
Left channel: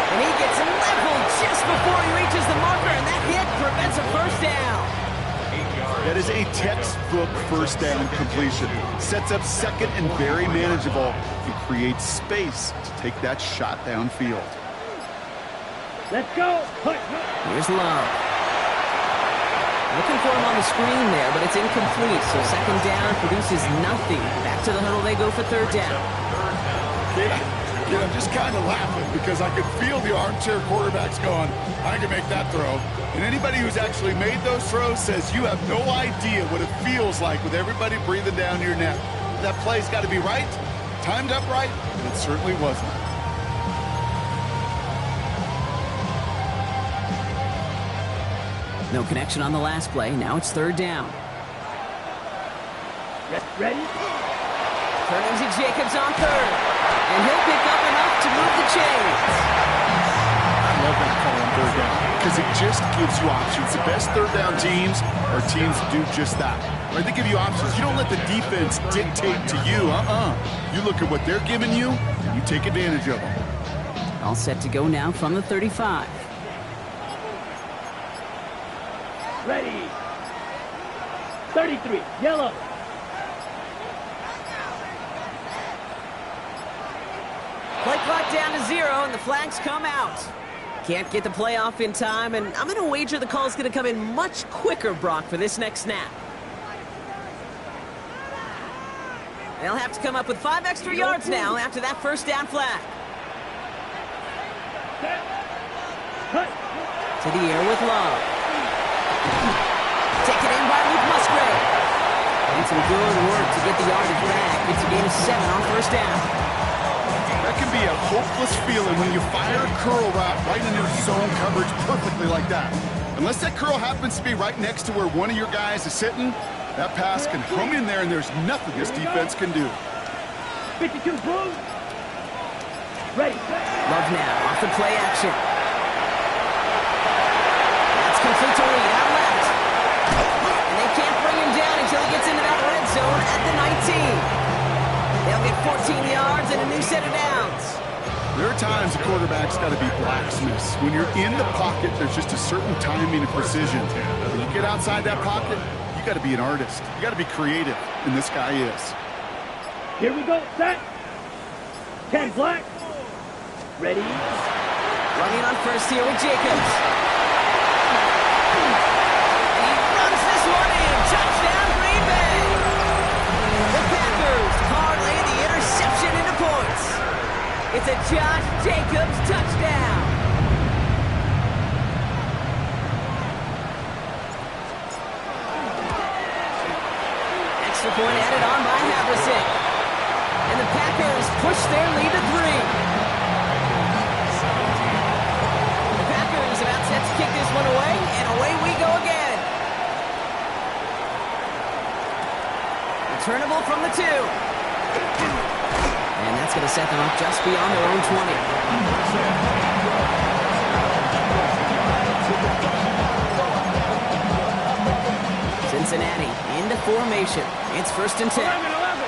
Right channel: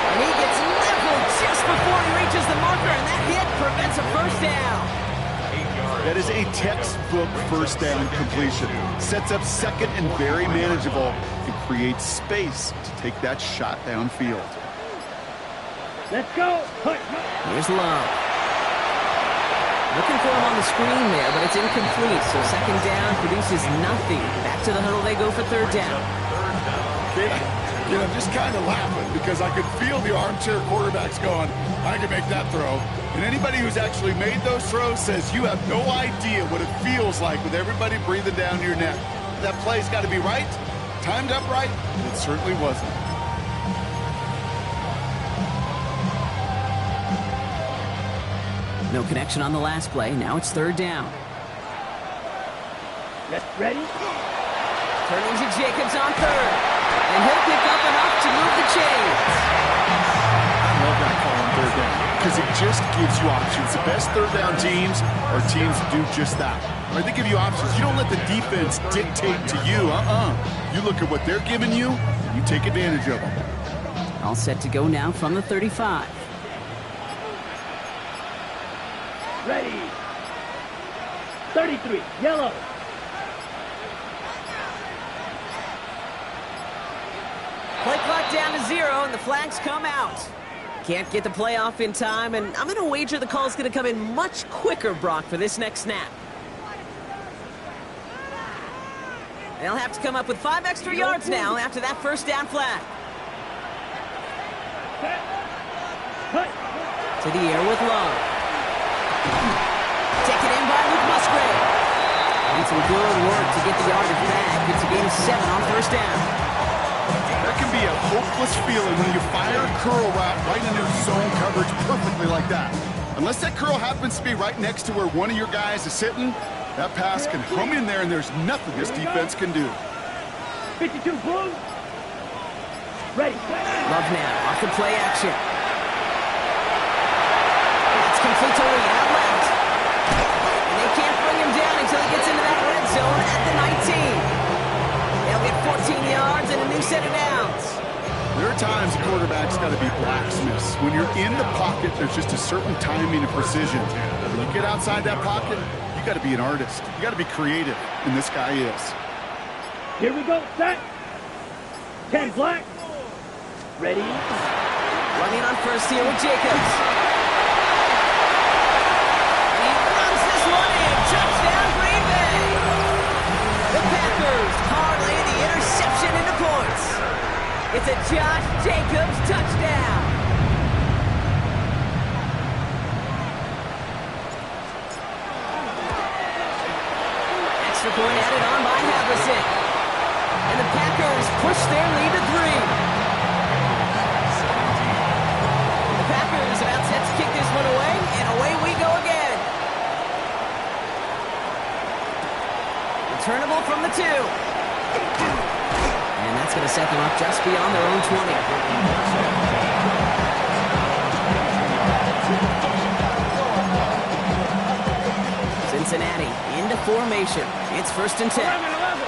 And he gets leveled just before he reaches the marker, and that hit prevents a first down. 8 yards. That is a textbook first down completion. Sets up second and very manageable and creates space to take that shot downfield. Let's go. Hut, hut. Here's Love. Looking for him on the screen there, but it's incomplete. So second down produces nothing. Back to the huddle they go for third down. Kate, I'm just kind of laughing because I could feel the armchair quarterbacks going, I can make that throw. And anybody who's actually made those throws says you have no idea what it feels like with everybody breathing down your neck. That play's got to be right, timed up right, and it certainly wasn't. No connection on the last play. Now it's third down. Ready. Turning to Jacobs on third. And he'll pick up enough to move the chains. I love that call on third down because it just gives you options. The best third down teams are teams that do just that. Right? They give you options. You don't let the defense dictate to you. You look at what they're giving you, and you take advantage of them. All set to go now from the 35. Ready. 33. Yellow. Play clock down to 0, and the flags come out. Can't get the play off in time, and I'm going to wager the call's going to come in much quicker, Brock, for this next snap. They'll have to come up with 5 extra yards now after that first down flag. Set. Hut. To the air with Love. Taken in by Luke Musgrave. And some good work to get the yardage back. It's a gain of 7 on first down. That can be a hopeless feeling when you fire a curl route right into zone coverage perfectly like that. Unless that curl happens to be right next to where one of your guys is sitting, that pass can hum in there, and there's nothing this defense can do. 52, boom. Ready. Love now, off the play action. That's complete to Reed, out left. And they can't bring him down until he gets into that red zone at the 19. They'll get 14 yards and a new set of downs. There are times a quarterback's got to be blacksmiths. When you're in the pocket, there's just a certain timing and precision. When you get outside that pocket, you got to be an artist. You got to be creative, and this guy is. Here we go. Set. 10 black. Ready. Running on first here with Jacobs. And he runs this one in. Touchdown, Green Bay. The Packers parlay the interception into points. It's a Josh Jacobs touchdown. Extra point added on by Haversick. And the Packers push their lead to 3. The Packers about set to kick this one away, and away we go again. Returnable from the 2. And that's going to set them up just beyond their own 20. Cincinnati into formation. It's 1st and 10. 11.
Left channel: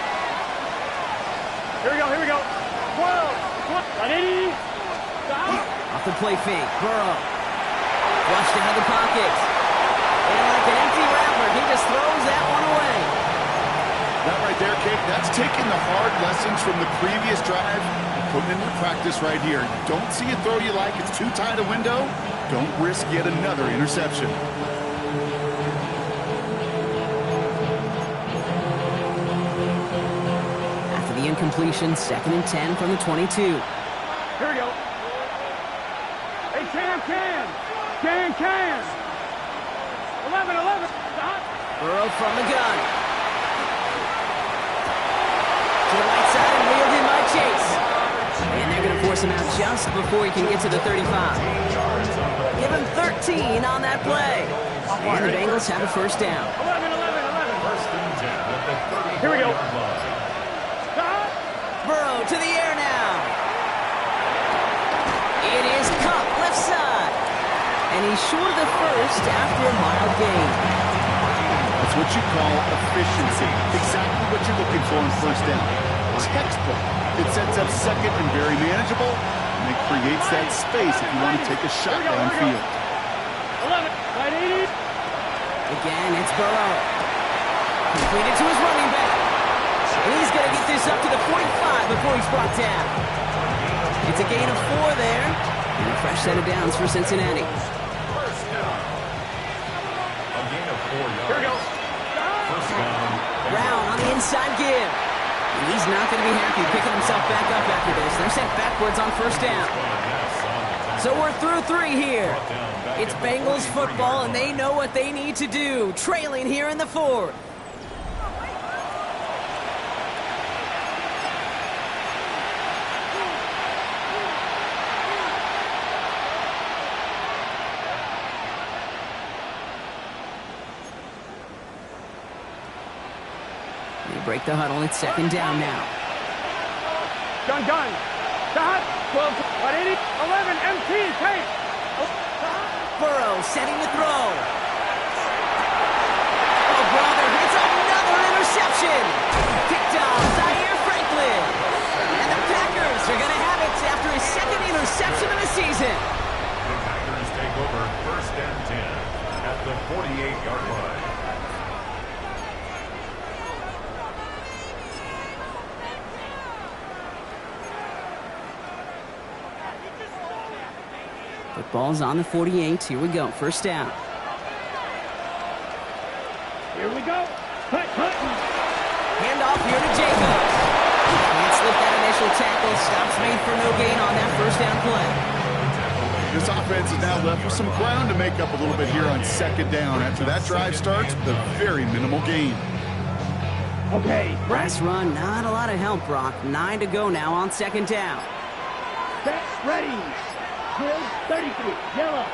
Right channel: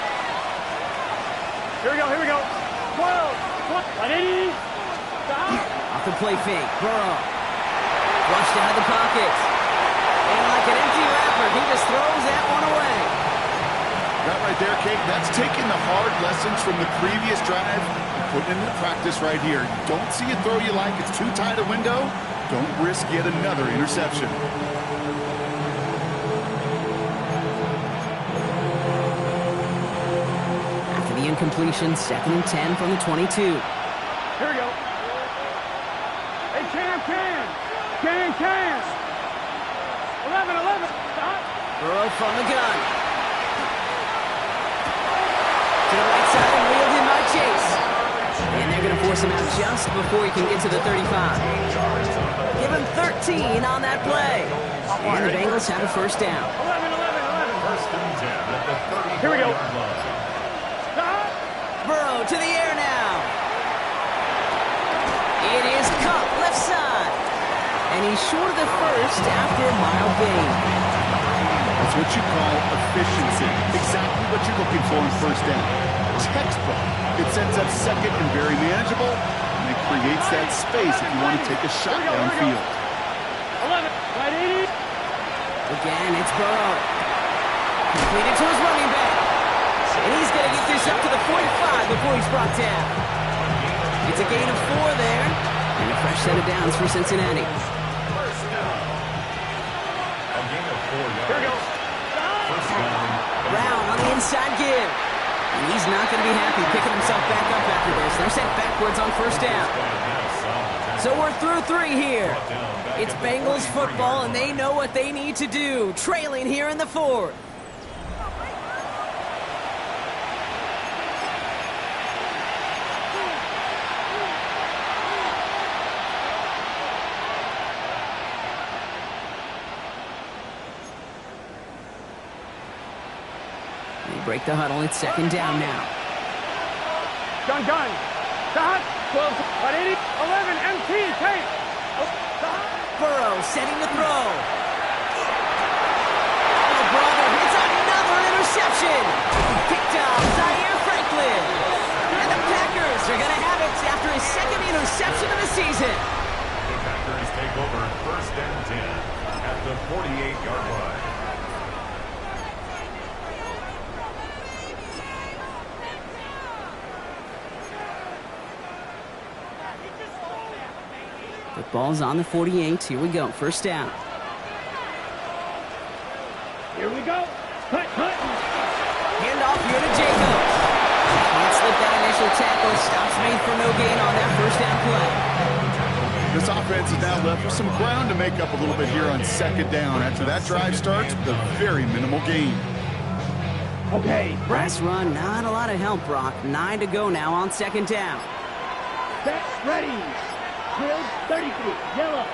Here we go. 12. 180. Stop. Off the play fake. Burrow. Flushed out of the pocket. And like an empty wrapper, he just throws that one away. That right there, Kate, that's taking the hard lessons from the previous drive and putting it into practice right here. You don't see a throw you like, it's too tight a window, don't risk yet another interception. After the incompletion, 2nd and 10 from the 22. Here we go. Hey, can. 11. Stop. Burrow from the gun. To the right side and reeled in by Chase. And they're going to force him out just before he can get to the 35. Give him 13 on that play. And the Bengals have a 1st down. 11. 1st and 10 at the 30-yard Here we go. line. Stop. Burrow to the air now. It is Kupp, left side. And he's short of the 1st after a mild gain. That's what you call efficiency. Exactly what you're looking for in 1st down. Textbook. It sets up 2nd and very manageable, and it creates that space if you want to take a shot downfield. 11. 80. Again, it's Burrow. Completed to his running back. And he's going to get this up to the 45 before he's brought down. It's a gain of 4 there, and a fresh set of downs for Cincinnati. 1st down. A gain of 4 yards. Here we go. 1st down. Brown on the inside give. And he's not going to be happy picking himself back up after this. They're sent backwards on 1st down. So we're through 3 here. It's Bengals football, and they know what they need to do. Trailing here in the 4th. They break the huddle. It's 2nd down now. Gun. Stop. 12. 180. 11. MT. Take. Stop. Burrow setting to throw. Oh, brother, it's another interception. Picked off Zaire Franklin. And the Packers are going to have it after his 2nd interception of the season. The Packers take over 1st and 10 at the 48-yard line. Football's on the 48. Here we go. 1st down. Here we go. Cut. Hand off here to Jacobs. Can't slip that initial tackle. Stops made for no gain on that 1st down play. This offense is now left with some ground to make up a little bit here on 2nd down. After that drive starts with a very minimal gain. Okay. Brass run, not a lot of help, Brock. 9 to go now on 2nd down. Set. Ready. 33. Yellow.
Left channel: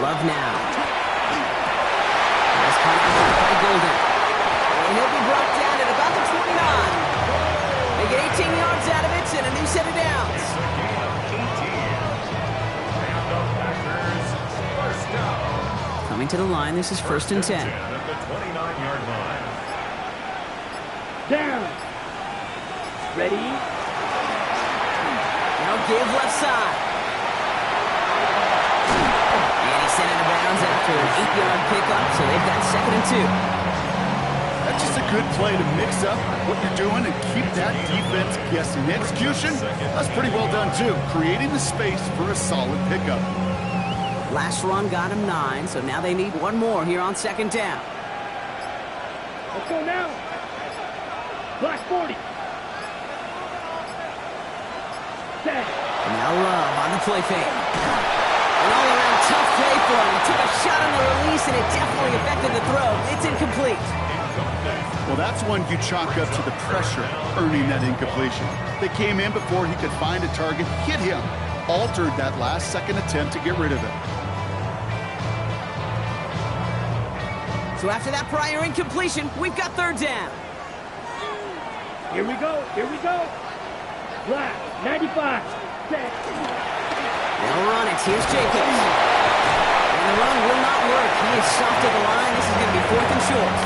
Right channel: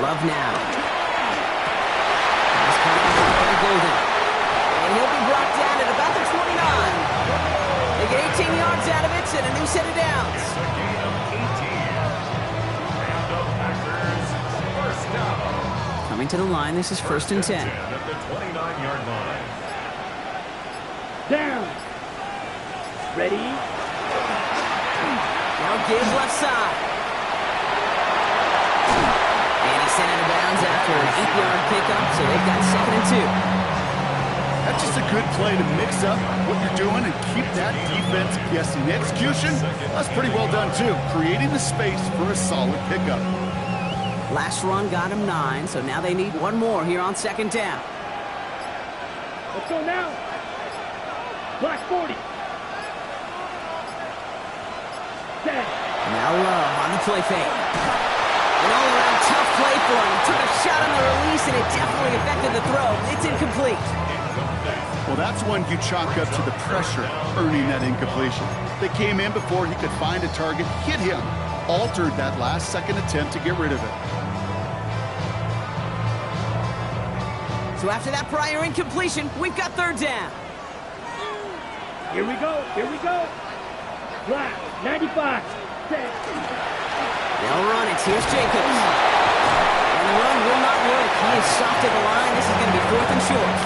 Love now. Pass caught out by Golden. And he'll be brought down at about the 29. They get 18 yards out of it and a new set of downs. It's a gain of 18. And the Packers first down. Coming to the line, this is first and 10. At the 29-yard line. Down. Ready? Now give left side. And he sent it out of bounds after an 8-yard pickup, so they've got 2nd and 2. That's just a good play to mix up what you're doing and keep that defense guessing. The execution, that's pretty well done too. Creating the space for a solid pickup. Last run got him 9, so now they need one more here on 2nd down. Let's go now. Black 40. Set. Now Love on the play fake. An all-around tough play for him. He took a shot on the release, and it definitely affected the throw. It's incomplete. Well, that's one you chalk up to the pressure earning that incompletion. They came in before he could find a target, hit him, altered that last-second attempt to get rid of it. So after that prior incompletion, we've got 3rd down. Here we go. Here we go. Black 95. Set. They'll run it. Here's Jacobs. And the run will not work. He is soft at the line. This is going to be 4th and short.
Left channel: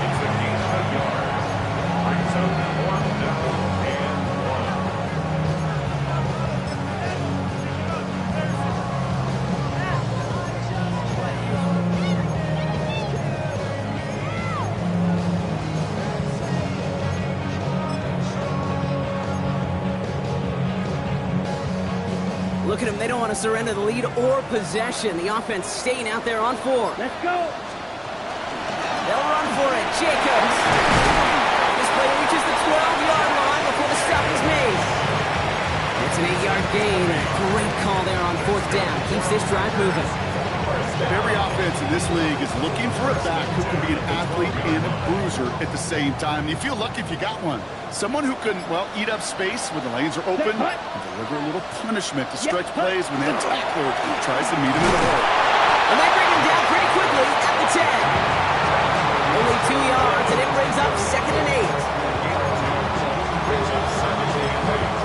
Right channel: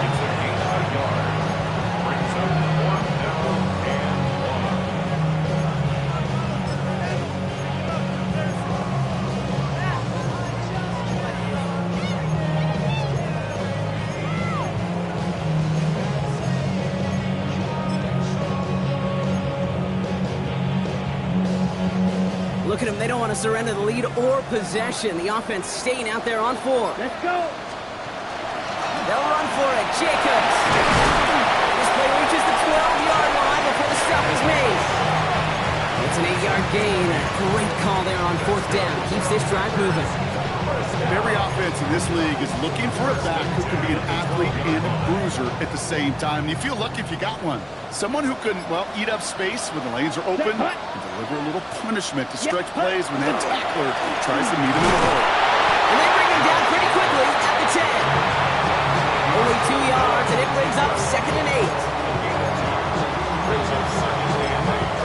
It's a gain of a yard. Brings up 4th down and 1. Look at them. They don't want to surrender the lead or possession. The offense staying out there on 4. Let's go. They'll run for it. Jacobs. This play reaches the 12-yard line before the stop is made. It's an 8-yard gain. A great call there on 4th down. Keeps this drive moving. Every offense in this league is looking for a back who can be an athlete and a bruiser at the same time. And you feel lucky if you got one. Someone who can, well, eat up space when the lanes are open and deliver a little punishment to stretch plays when that tackler tries to meet him in the hole. And they bring him down pretty quickly at the 10. Only 2 yards, and it brings up 2nd and 8. Brings up 2nd and 8.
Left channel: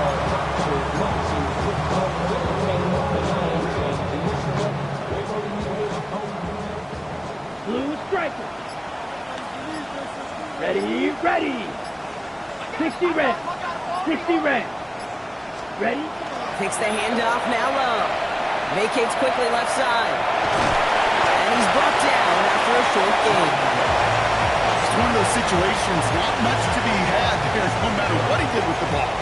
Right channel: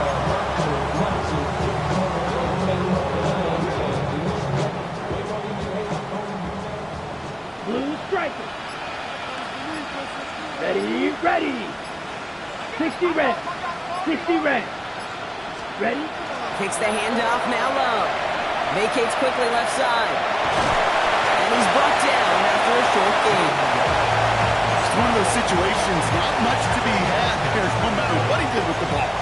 Blue striker. Ready, ready. 60 red. 60 red. Ready? Takes the handoff, now Love. Vacates quickly left side. And he's brought down after a short gain. It's one of those situations, not much to be had there no matter what he did with the ball.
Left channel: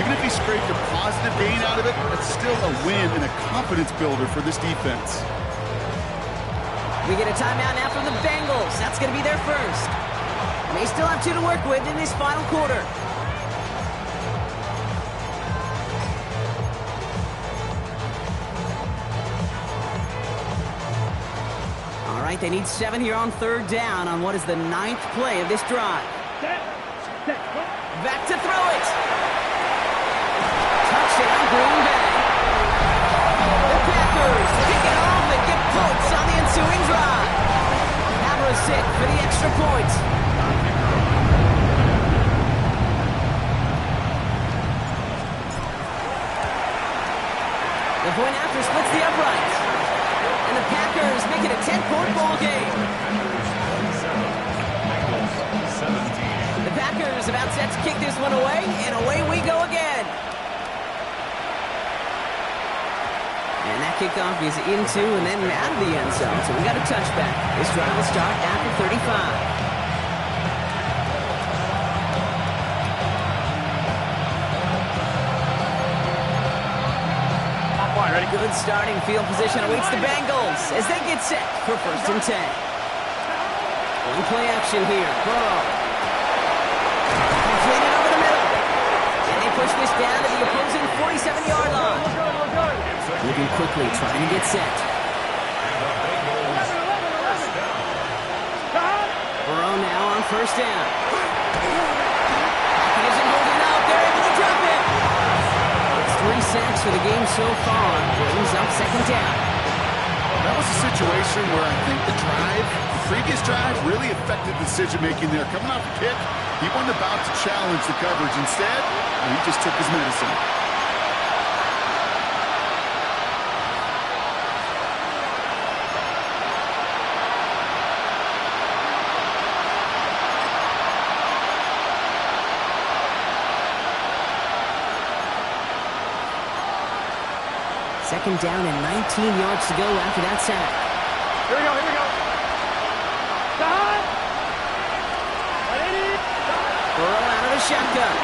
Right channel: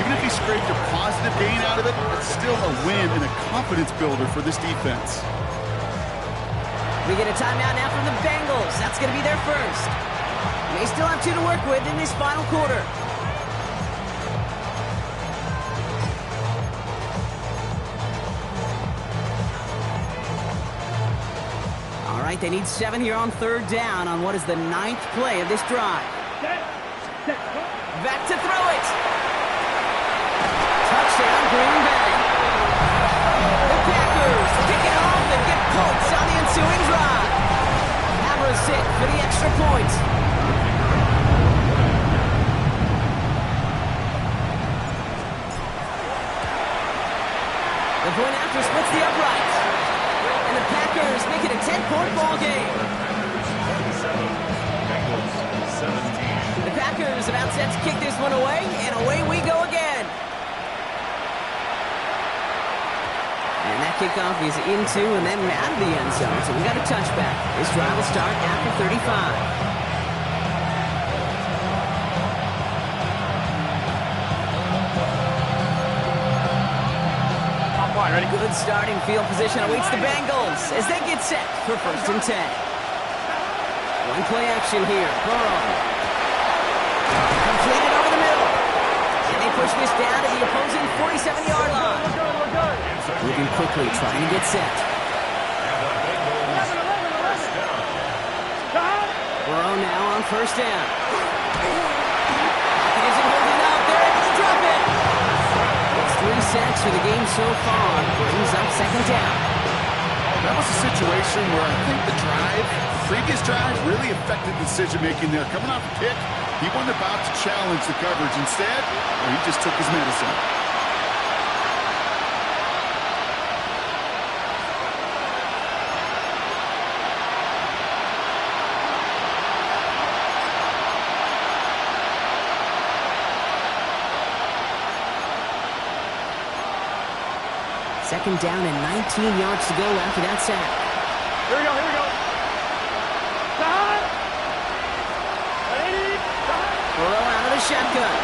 Even if he scraped a positive gain out of it, it's still a win and a confidence builder for this defense. We get a timeout now from the Bengals. That's going to be their first. They still have 2 to work with in this final quarter. All right, they need 7 here on 3rd down on what is the 9th play of this drive. Set. Set. Back to throw it. Touchdown, Green Bay. The Packers pick it off and get points on the ensuing drive. Havra's hit for the extra point. The point after splits the uprights. And the Packers make it a 10-point ball game. Packers 27, Bengals 17. The Packers about set to kick this one away, and away we go again. And that kickoff is into and then out of the end zone, so we got a touchback. This drive will start after 35. Ready? Good starting field position awaits the Bengals as they get set for 1st and 10. One play action here. Burrow. Completed over the middle. And they push this down to the opposing 47-yard line. Moving quickly, trying to get set. Burrow now on 1st down. Pocket isn't holding up. They're able to drop it. It's 3 sacks for the game so far. Brings up second down. That was a situation where I think the previous drive, really affected decision-making there. Coming off a kick, he wasn't about to challenge the coverage. Instead, he just took his medicine. Second down and 19 yards to go after that sack. Here we go, here we go. Stop! Burrow out of the shotgun.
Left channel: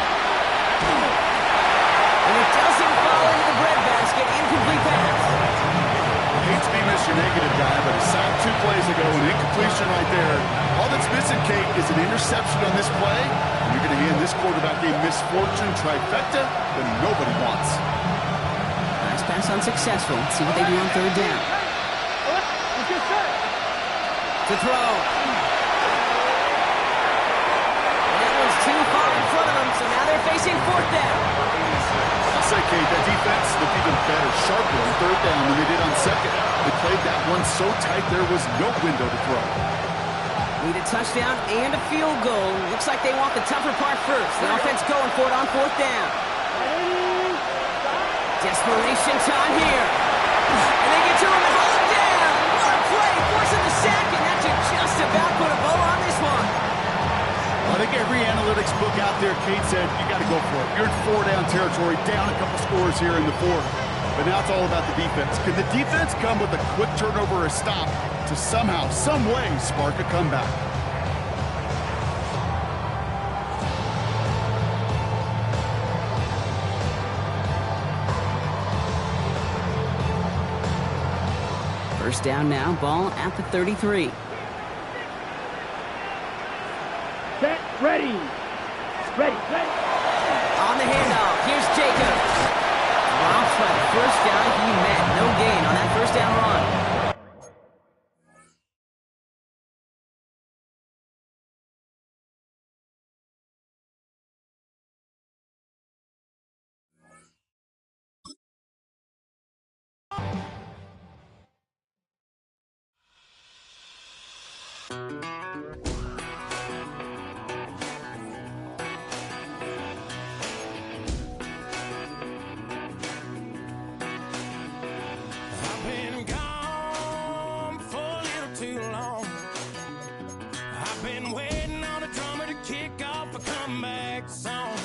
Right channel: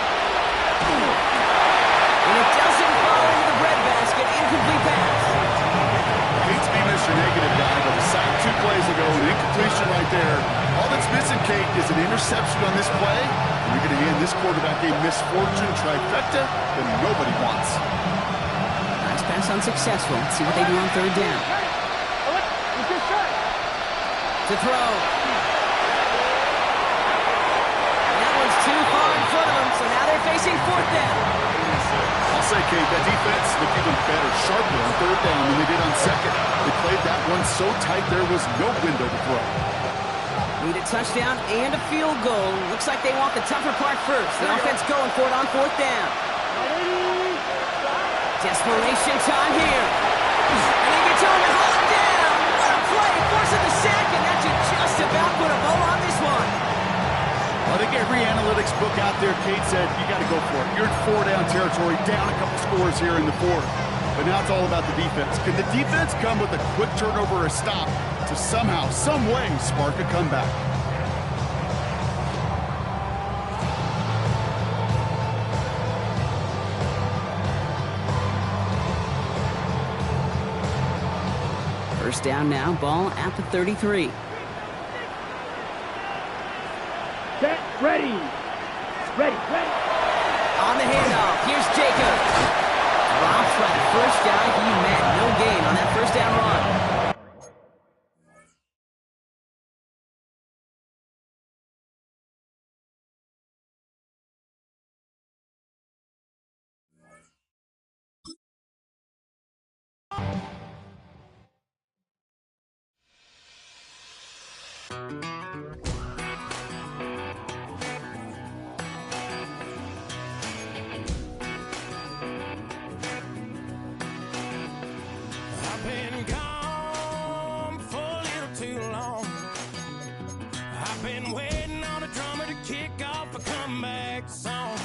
And it doesn't fall into the breadbasket. Incomplete pass. I hate to be Mr. Negative guy, but a sack 2 plays ago, an incompletion right there. All that's missing, Kate, is an interception on this play, and you're going to hand this quarterback a misfortune trifecta that nobody wants. Nice pass unsuccessful. Let's see what they do on third down. To throw. And that one's too far in front of them, so now they're facing fourth down. I'll say, Kate, that defense looked even better, sharper on third down than they did on second. They played that one so tight there was no window to throw. Need a touchdown and a field goal. Looks like they want the tougher part first. The offense going for it on fourth down. Desperation time here. And they get to him and hold him down. What a play, forcing the sack, and that should just about put a bow on this one. Well, I think every analytics book out there, Kate said, you got to go for it. You're in 4-down territory, down a couple scores here in the fourth. But now it's all about the defense. Can the defense come with a quick turnover or a stop to somehow, some way, spark a comeback? First down now, ball at the 33. Set, ready. Ready, ready. On the handoff, here's Jacobs. Drops by the first guy he met. No gain on that first down run. I've been gone for a little too long. I've been waiting on a drummer to kick off a comeback song.